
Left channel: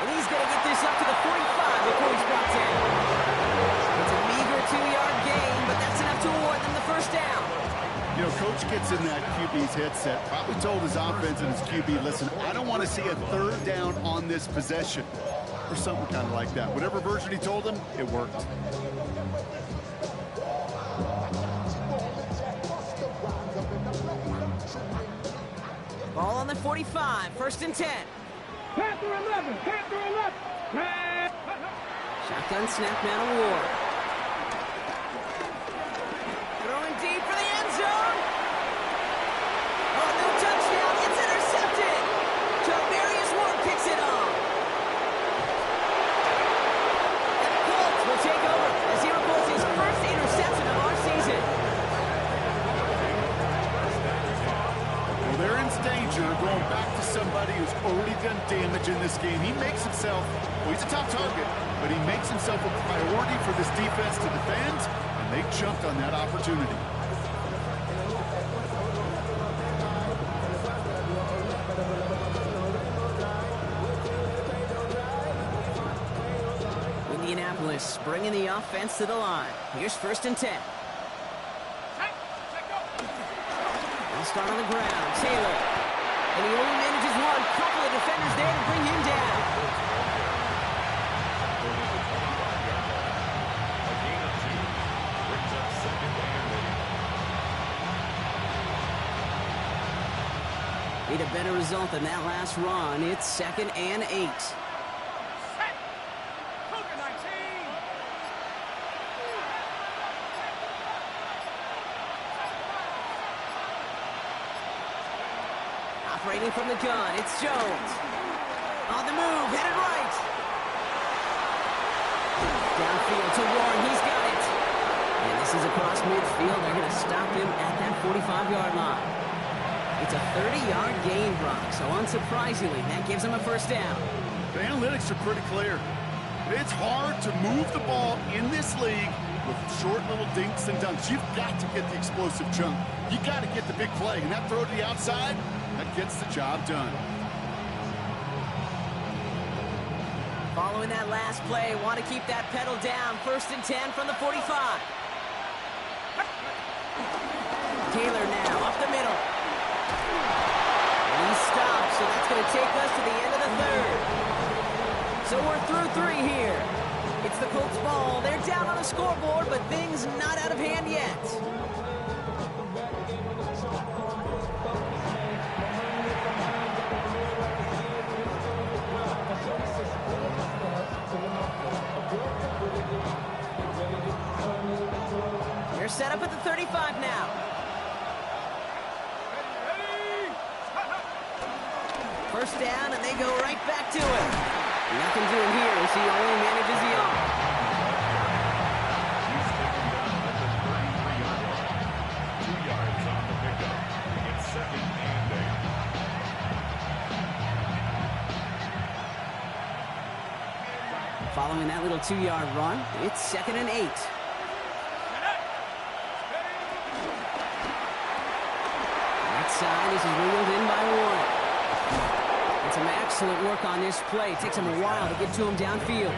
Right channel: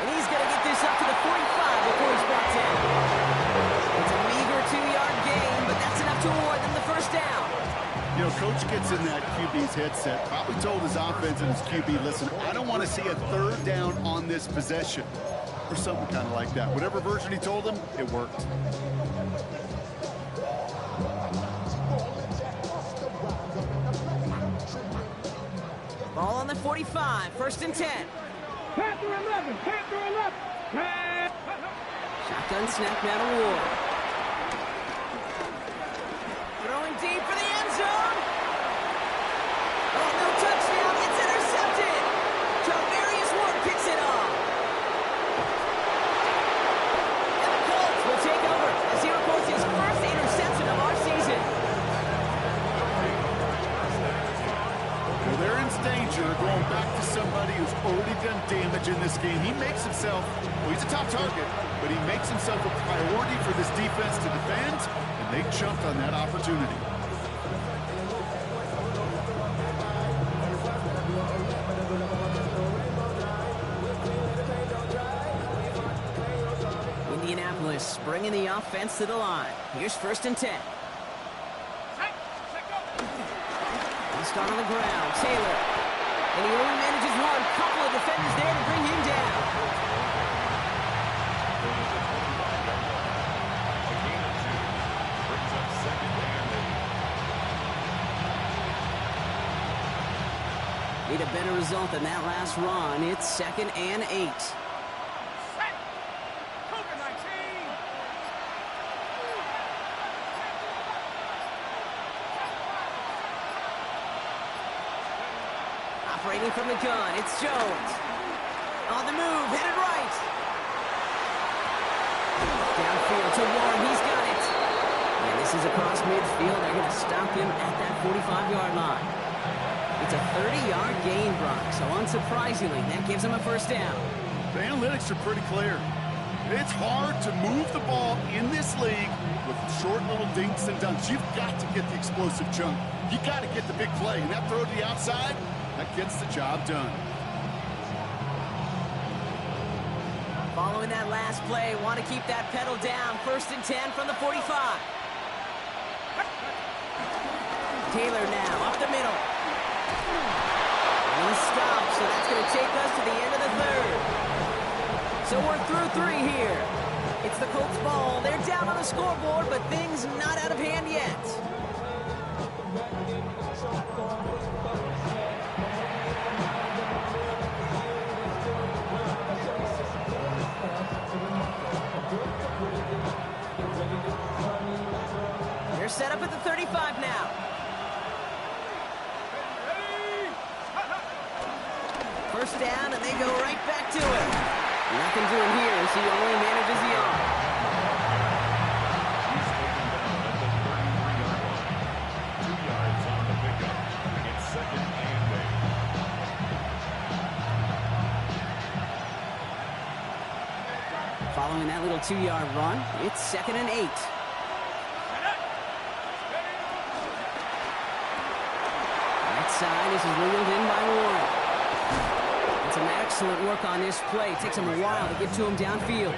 And he's going to get this up to the 45 before he's brought down. It's a meager 2-yard gain, but that's enough to award them the first down. You know, Coach gets in that QB's headset, probably told his offense and his QB, listen, I don't want to see a 3rd down on this possession, or something kind of like that. Whatever version he told him, it worked. Ball on the 45, 1st and 10. Panther 11, Panther 11. Shotgun snap now to Ward. Throwing deep for the end zone. Oh, no touchdown. It's intercepted. Tavarius Ward picks it off. And the Colts will take over as he records his first interception of our season. Well, they're in danger going back to somebody who's already done damage in this game. He makes himself, well, he's a top target, but he makes himself a priority for this defense to defend, and they jumped on that opportunity. Indianapolis bringing the offense to the line. Here's 1st and 10. He'll start on the ground. Taylor. And he only manages one. Couple of defenders there to bring him down. A gain of 2 brings up 2nd and 8. Need a better result than that last run. It's 2nd and 8. Operating from the gun, it's Jones. On the move, headed right. Downfield to Warren, he's got it. And this is across midfield. They're going to stop him at that 45-yard line. It's a 30-yard gain, Brock, so unsurprisingly, that gives him a first down. The analytics are pretty clear. It's hard to move the ball in this league with short little dinks and dunks. You've got to get the explosive chunk. You got to get the big play, and that throw to the outside, that gets the job done. Following that last play, want to keep that pedal down. 1st and 10 from the 45. Taylor now, up the middle. And he stops, so that's going to take us to the end of the 3rd. So we're through 3 here. It's the Colts ball. They're down on the scoreboard, but things not out of hand yet. They're set up at the 35 now. First down, and they go right back to it. Nothing doing here as he only manages the arm. He's taken down at the 33-yard line. 2 yards on the pickup. It's 2nd and 8. Following that little 2-yard run, it's 2nd and 8. Right side, this is wheeled in by Warren. And some excellent work on this play. It takes him a while to get to him downfield.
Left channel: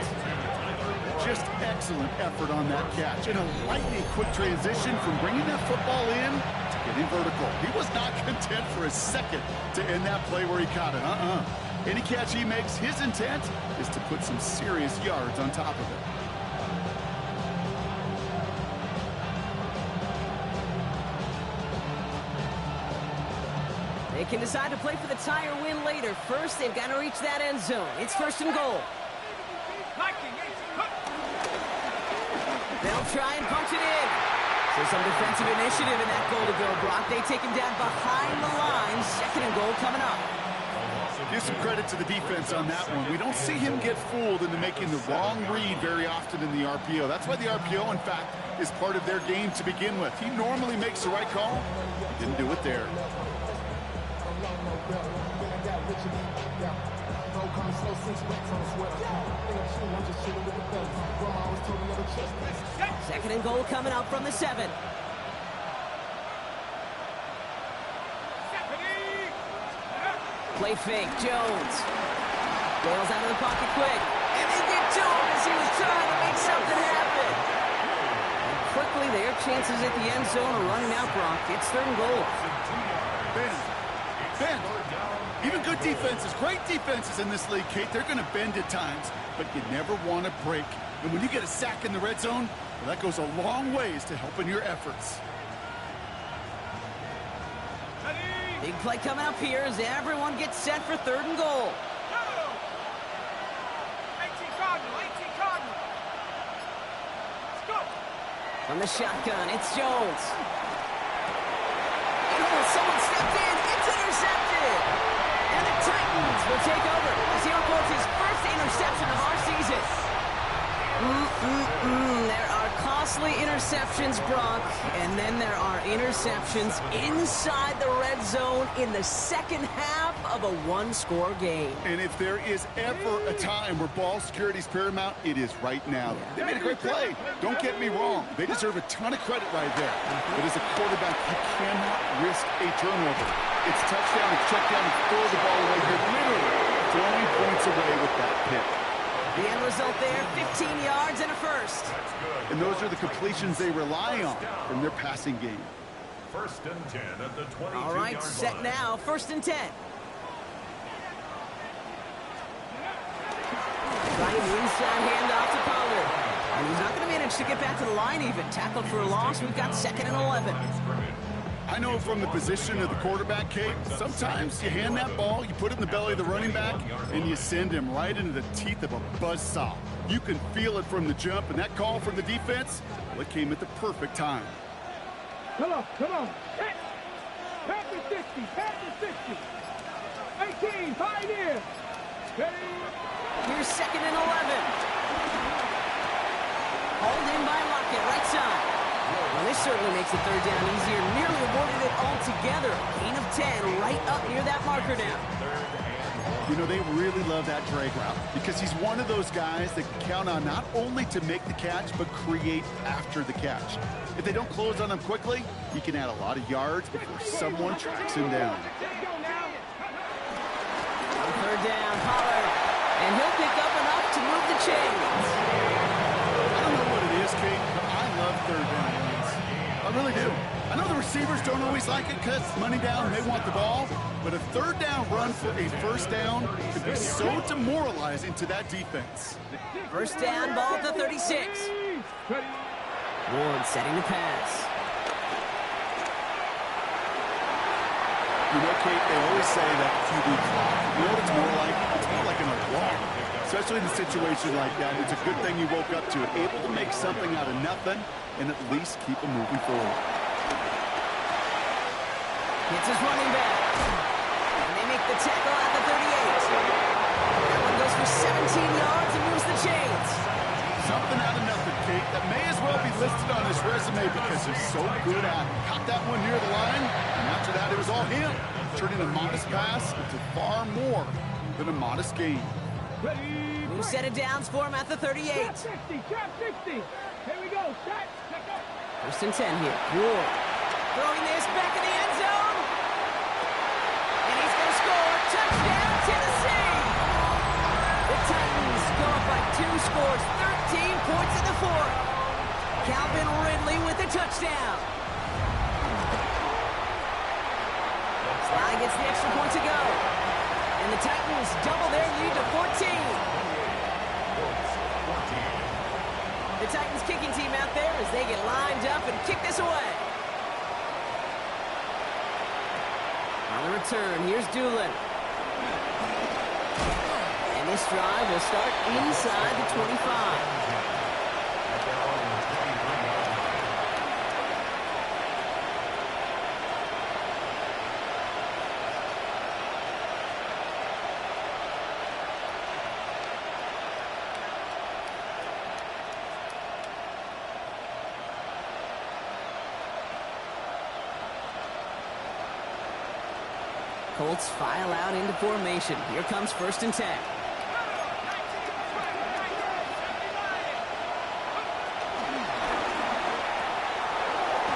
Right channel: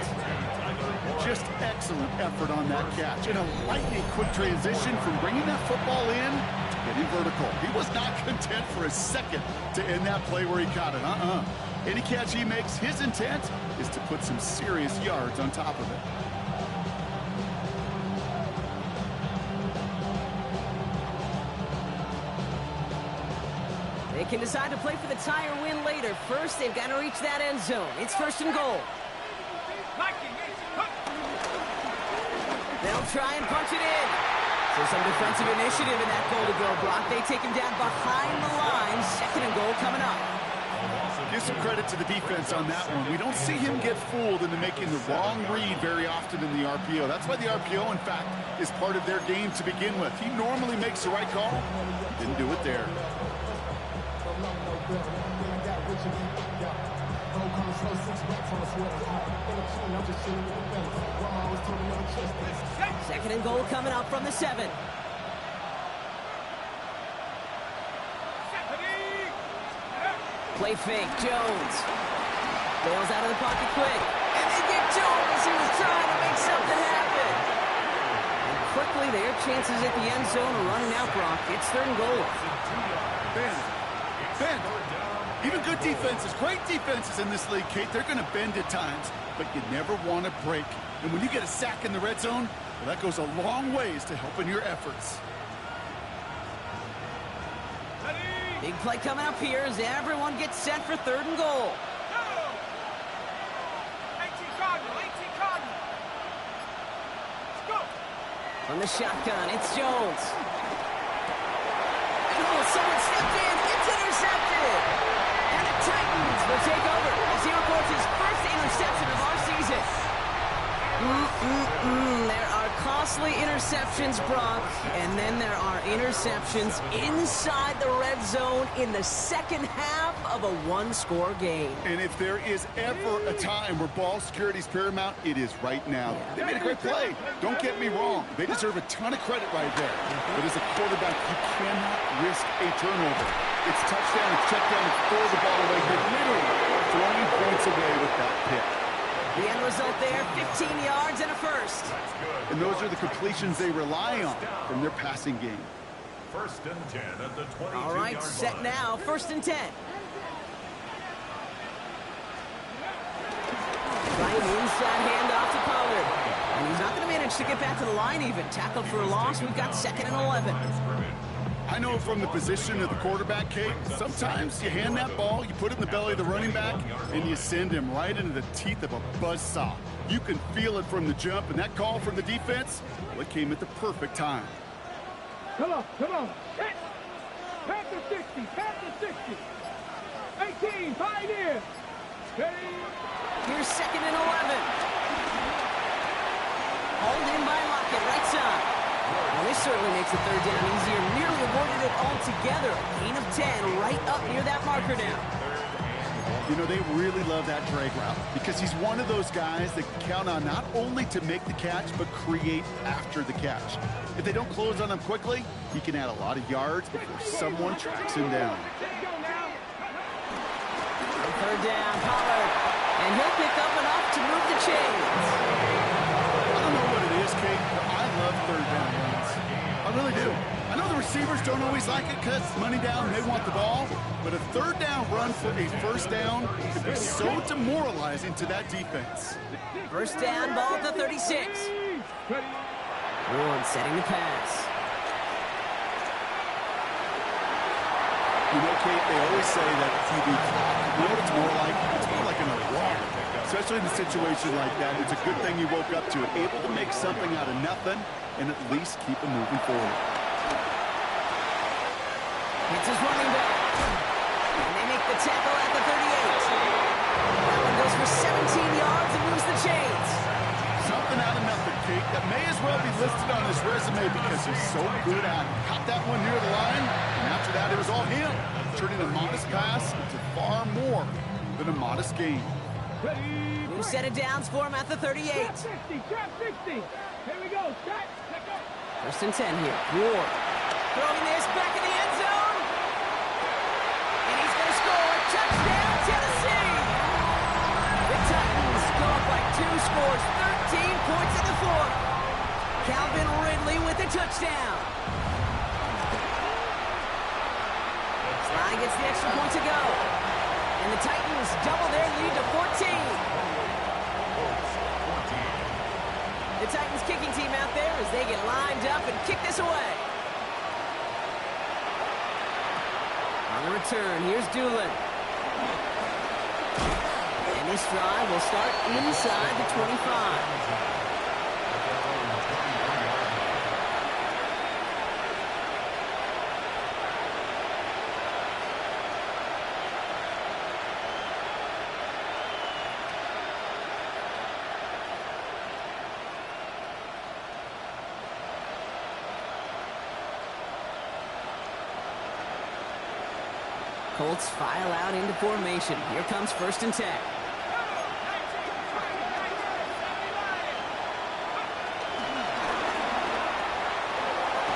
Just excellent effort on that catch. And a lightning quick transition from bringing that football in to getting vertical. He was not content for a second to end that play where he caught it. Any catch he makes, his intent is to put some serious yards on top of it. They can decide to play for the tie or win later. First, they've got to reach that end zone. It's 1st and goal. They'll try and punch it in. So some defensive initiative in that goal to go, Brock. They take him down behind the line. 2nd and goal coming up. Give some credit to the defense on that one. We don't see him get fooled into making the wrong read very often in the RPO. That's why the RPO, in fact, is part of their game to begin with. He normally makes the right call. He didn't do it there. Second and goal coming up from the 7. Play fake, Jones. Bails out of the pocket quick. And they get to him as he was trying to make something happen. And quickly, their chances at the end zone are running out, Brock. It's 3rd and goal. Bend. Even good defenses, great defenses in this league, Kate, they're going to bend at times, but you never want to break. And when you get a sack in the red zone, well, that goes a long ways to helping your efforts. Big play coming up here as everyone gets set for 3rd and goal. 18 Cardinal. Let's go. From the shotgun, it's Jones. And someone stepped in. It's intercepted. And the Titans will take over as he records his first interception of our season. There are costly interceptions, Brock, and then there are interceptions inside the red zone in the second half of a one-score game. And if there is ever a time where ball security is paramount, it is right now. Yeah. They made a great play. Don't get me wrong. They deserve a ton of credit right there. But as a quarterback, you cannot risk a turnover. It's touchdown, it's check down, and throw the ball away. You're literally throwing points away with that pick. The end result there, 15 yards and a first. And those are the completions they rely on from their passing game. 1st and 10 at the 22-yard line. All right, set now, 1st and 10. Trying the inside handoff to Pollard. And he's not going to manage to get back to the line even. Tackled for a loss, we've got 2nd and 11. I know from the position of the quarterback, Kate, sometimes you hand that ball, you put it in the belly of the running back, and you send him right into the teeth of a buzzsaw. You can feel it from the jump, and that call from the defense, well, it came at the perfect time. Come on. Hit. Pass the 60. 18, Pioneer. Steady. Here's 2nd and 11. Hauled in by Lockett, right side. Well, this certainly makes the 3rd down easier. Nearly avoided it altogether. Gain of 10 right up near that marker now. You know, they really love that drag route because he's one of those guys that can count on not only to make the catch, but create after the catch. If they don't close on him quickly, he can add a lot of yards before someone tracks him down. On 3rd down, Pollard. And he'll pick up enough to move the chains. I don't know what it is, Kate, but I love 3rd down runs. I really do. I know the receivers don't always like it because money down, they want the ball, but a 3rd down run for a 1st down can be so demoralizing to that defense. 1st down, ball at the 36. Ward setting the pass. You know, Kate, they always say that QB clock. You know what it's more like? It's more like an alarm. Especially in a situation like that, it's a good thing you woke up to it. Able to make something out of nothing and at least keep them moving forward. Hits his running back. And they make the tackle at the 38. That one goes for 17 yards and moves the chains. Something out of nothing, Kate. That may as well be listed on his resume because he's so good at it. Caught that one near the line, and after that, it was all him. Turning a modest pass into far more than a modest gain. New set of downs for him at the 38. Trap 60. Here we go. Set. Let go. 1st and 10 here. Ward throwing this back in the end zone. And he's going to score. Touchdown, Tennessee. The Titans go up by 2 scores, 13 points in the fourth. Calvin Ridley with a touchdown. Sly gets the extra point to go. And the Titans double their lead to 14. The Titans kicking team out there as they get lined up and kick this away. On the return, here's Doolin. And this drive will start inside the 25. Colts file out into formation. Here comes 1st and 10.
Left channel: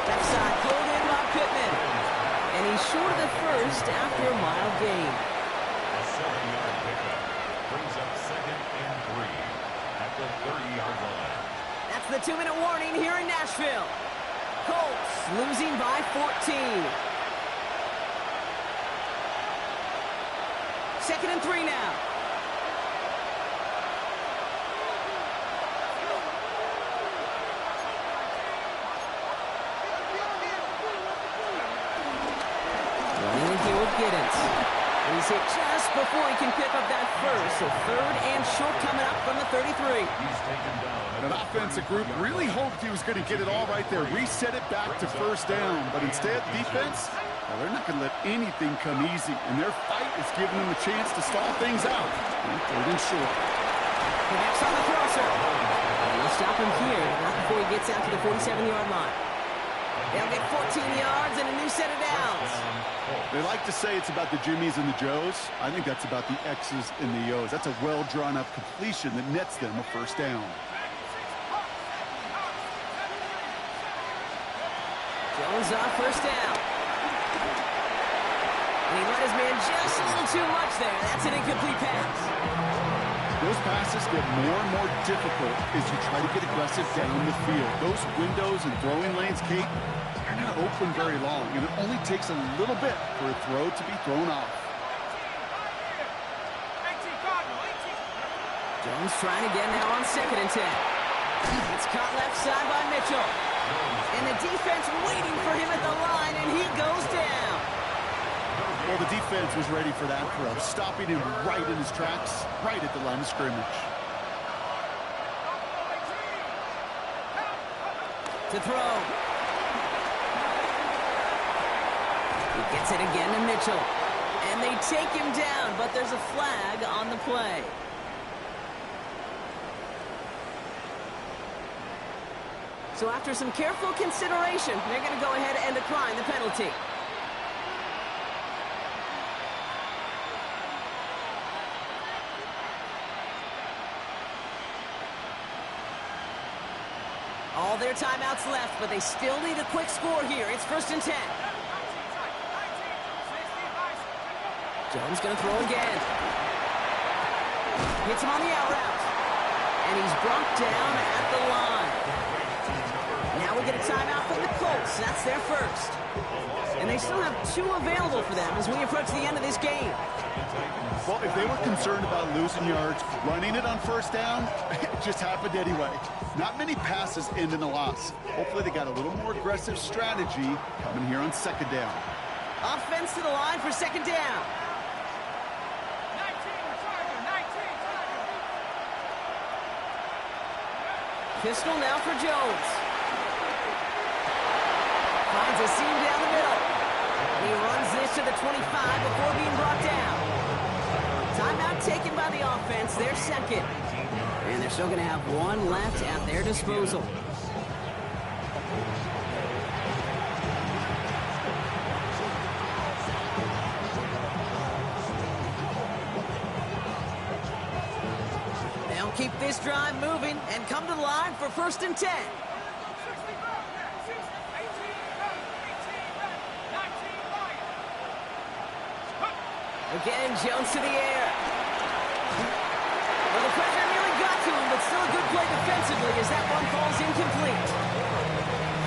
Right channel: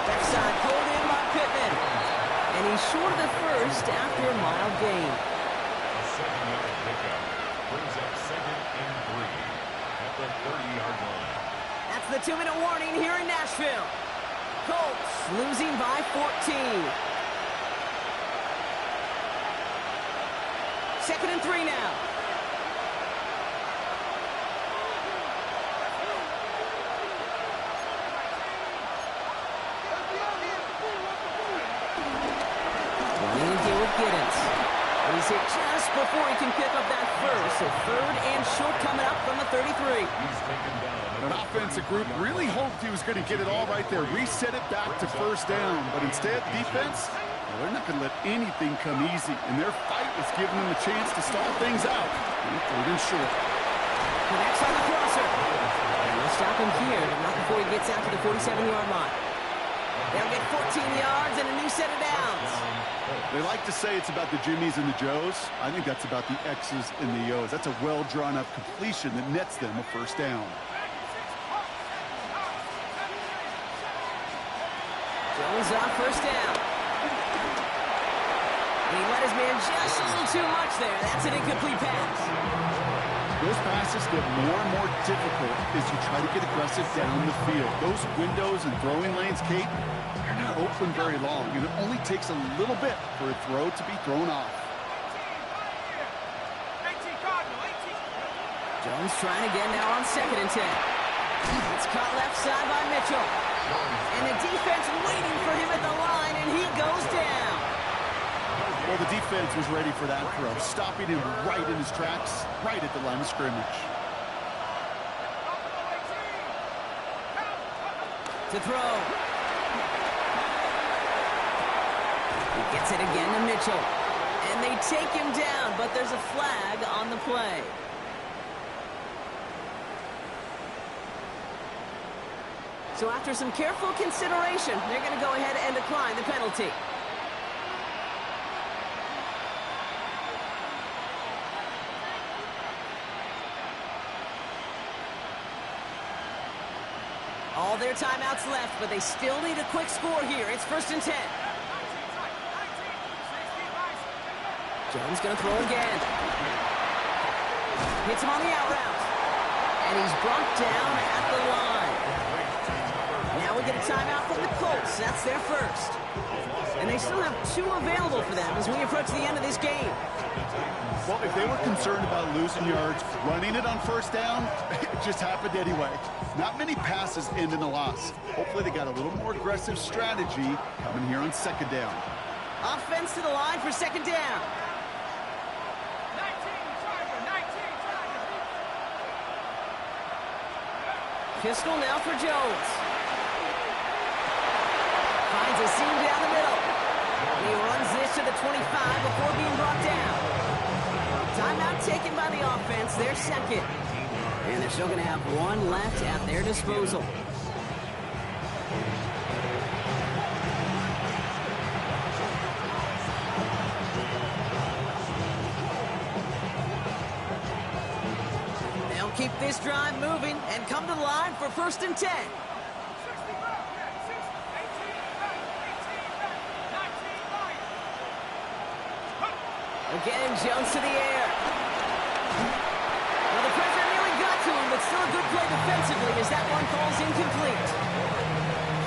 Left side pulled in by Pittman. And he's short of the first after a mild gain. A 7-yard pickup brings up 2nd and 3 at the 30-yard line. That's the 2-minute warning here in Nashville. Colts losing by 14. 2nd and 3 now. Running in here with Giddens. And he's hit just before he can pick up that first. So 3rd and short coming up from the 33. He's taken down. An offensive group really hoped he was going to get it all right there, reset it back to 1st down. But instead, defense, well, they're not going to let anything come easy. And their fight is giving them a chance to stall things out. 3rd and short. Connects on the crosser. And they'll stop him here, not before he gets out to the 47-yard line. They'll get 14 yards and a new set of downs. They like to say it's about the Jimmies and the Joes. I think that's about the X's and the O's. That's a well-drawn-up completion that nets them a 1st down. Jones on 1st down. And he let his man just a little too much there. That's an incomplete pass. Those passes get more and more difficult as you try to get aggressive down the field. Those windows and throwing lanes, Kate, they're not open very long, and it only takes a little bit for a throw to be thrown off. 18, Cardinal, 18. Jones trying again now on 2nd and 10. It's caught left side by Mitchell. And the defense waiting for him at the line, and he goes down. Well, the defense was ready for that throw, stopping him right in his tracks, right at the line of scrimmage. To throw. He gets it again to Mitchell. And they take him down, but there's a flag on the play. So after some careful consideration, they're going to go ahead and decline the penalty. All their timeouts left, but they still need a quick score here. It's 1st and 10. Jones going to throw again. Hits him on the out route. And he's brought down at the line. Now we get a timeout from the Colts. That's their first. And they still have 2 available for them as we approach the end of this game. Well, if they were concerned about losing yards, running it on 1st down, it just happened anyway. Not many passes end in a loss. Hopefully they got a little more aggressive strategy coming here on 2nd down. Offense to the line for 2nd down. 19, Tiger. Pistol now for Jones. Finds a seam down the middle. And he runs this to the 25 before being brought down. Timeout taken by the offense, their 2nd. And they're still going to have 1 left at their disposal. They'll keep this drive moving and come to the line for 1st and 10. 60 back, 60, 18 back, 19 back. Again, Jones to the air. Well, the pressure nearly got to him, but still a good play defensively as that one falls incomplete.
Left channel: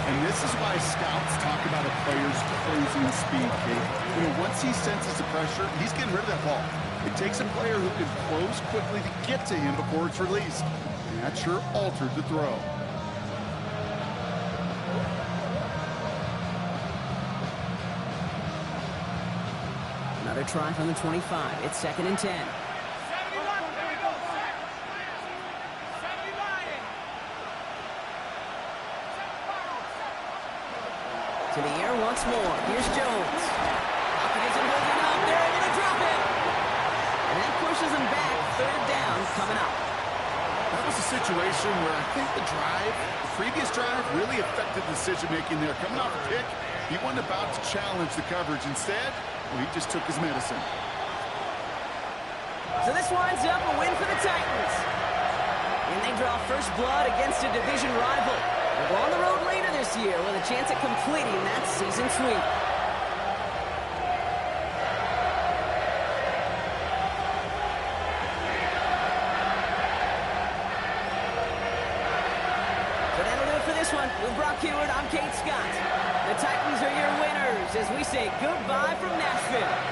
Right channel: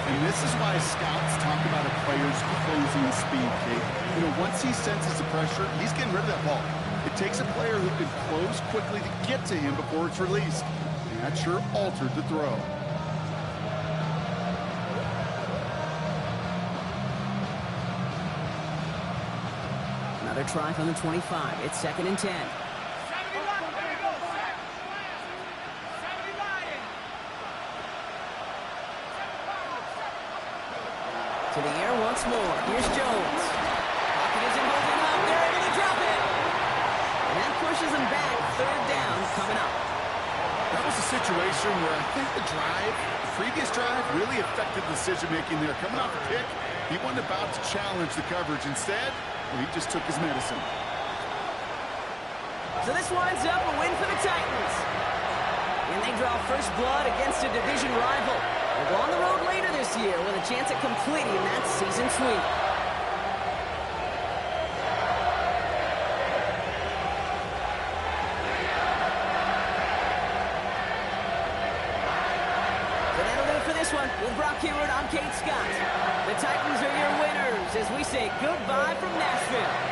And this is why scouts talk about a player's closing speed, Kate. You know, once he senses the pressure, he's getting rid of that ball. It takes a player who can close quickly to get to him before it's released. And that sure altered the throw. Another try from the 25. It's 2nd and 10. 70 line. There you go, Shaq. 70 line. To the air once more. Here's Jones. Pocket isn't holding up. They're able to drop it. And that pushes them back. 3rd down coming up. That was a situation where I think the previous drive, really affected decision-making there. Coming off a pick, he wasn't about to challenge the coverage. Instead, well, he just took his medicine. So this winds up a win for the Titans. And they draw first blood against a division rival. They'll go on the road later this year with a chance at completing that season sweep. So that'll do it for this one. With Brock Heward, I'm Kate Scott. The Titans are your winners as we say goodbye from Nashville.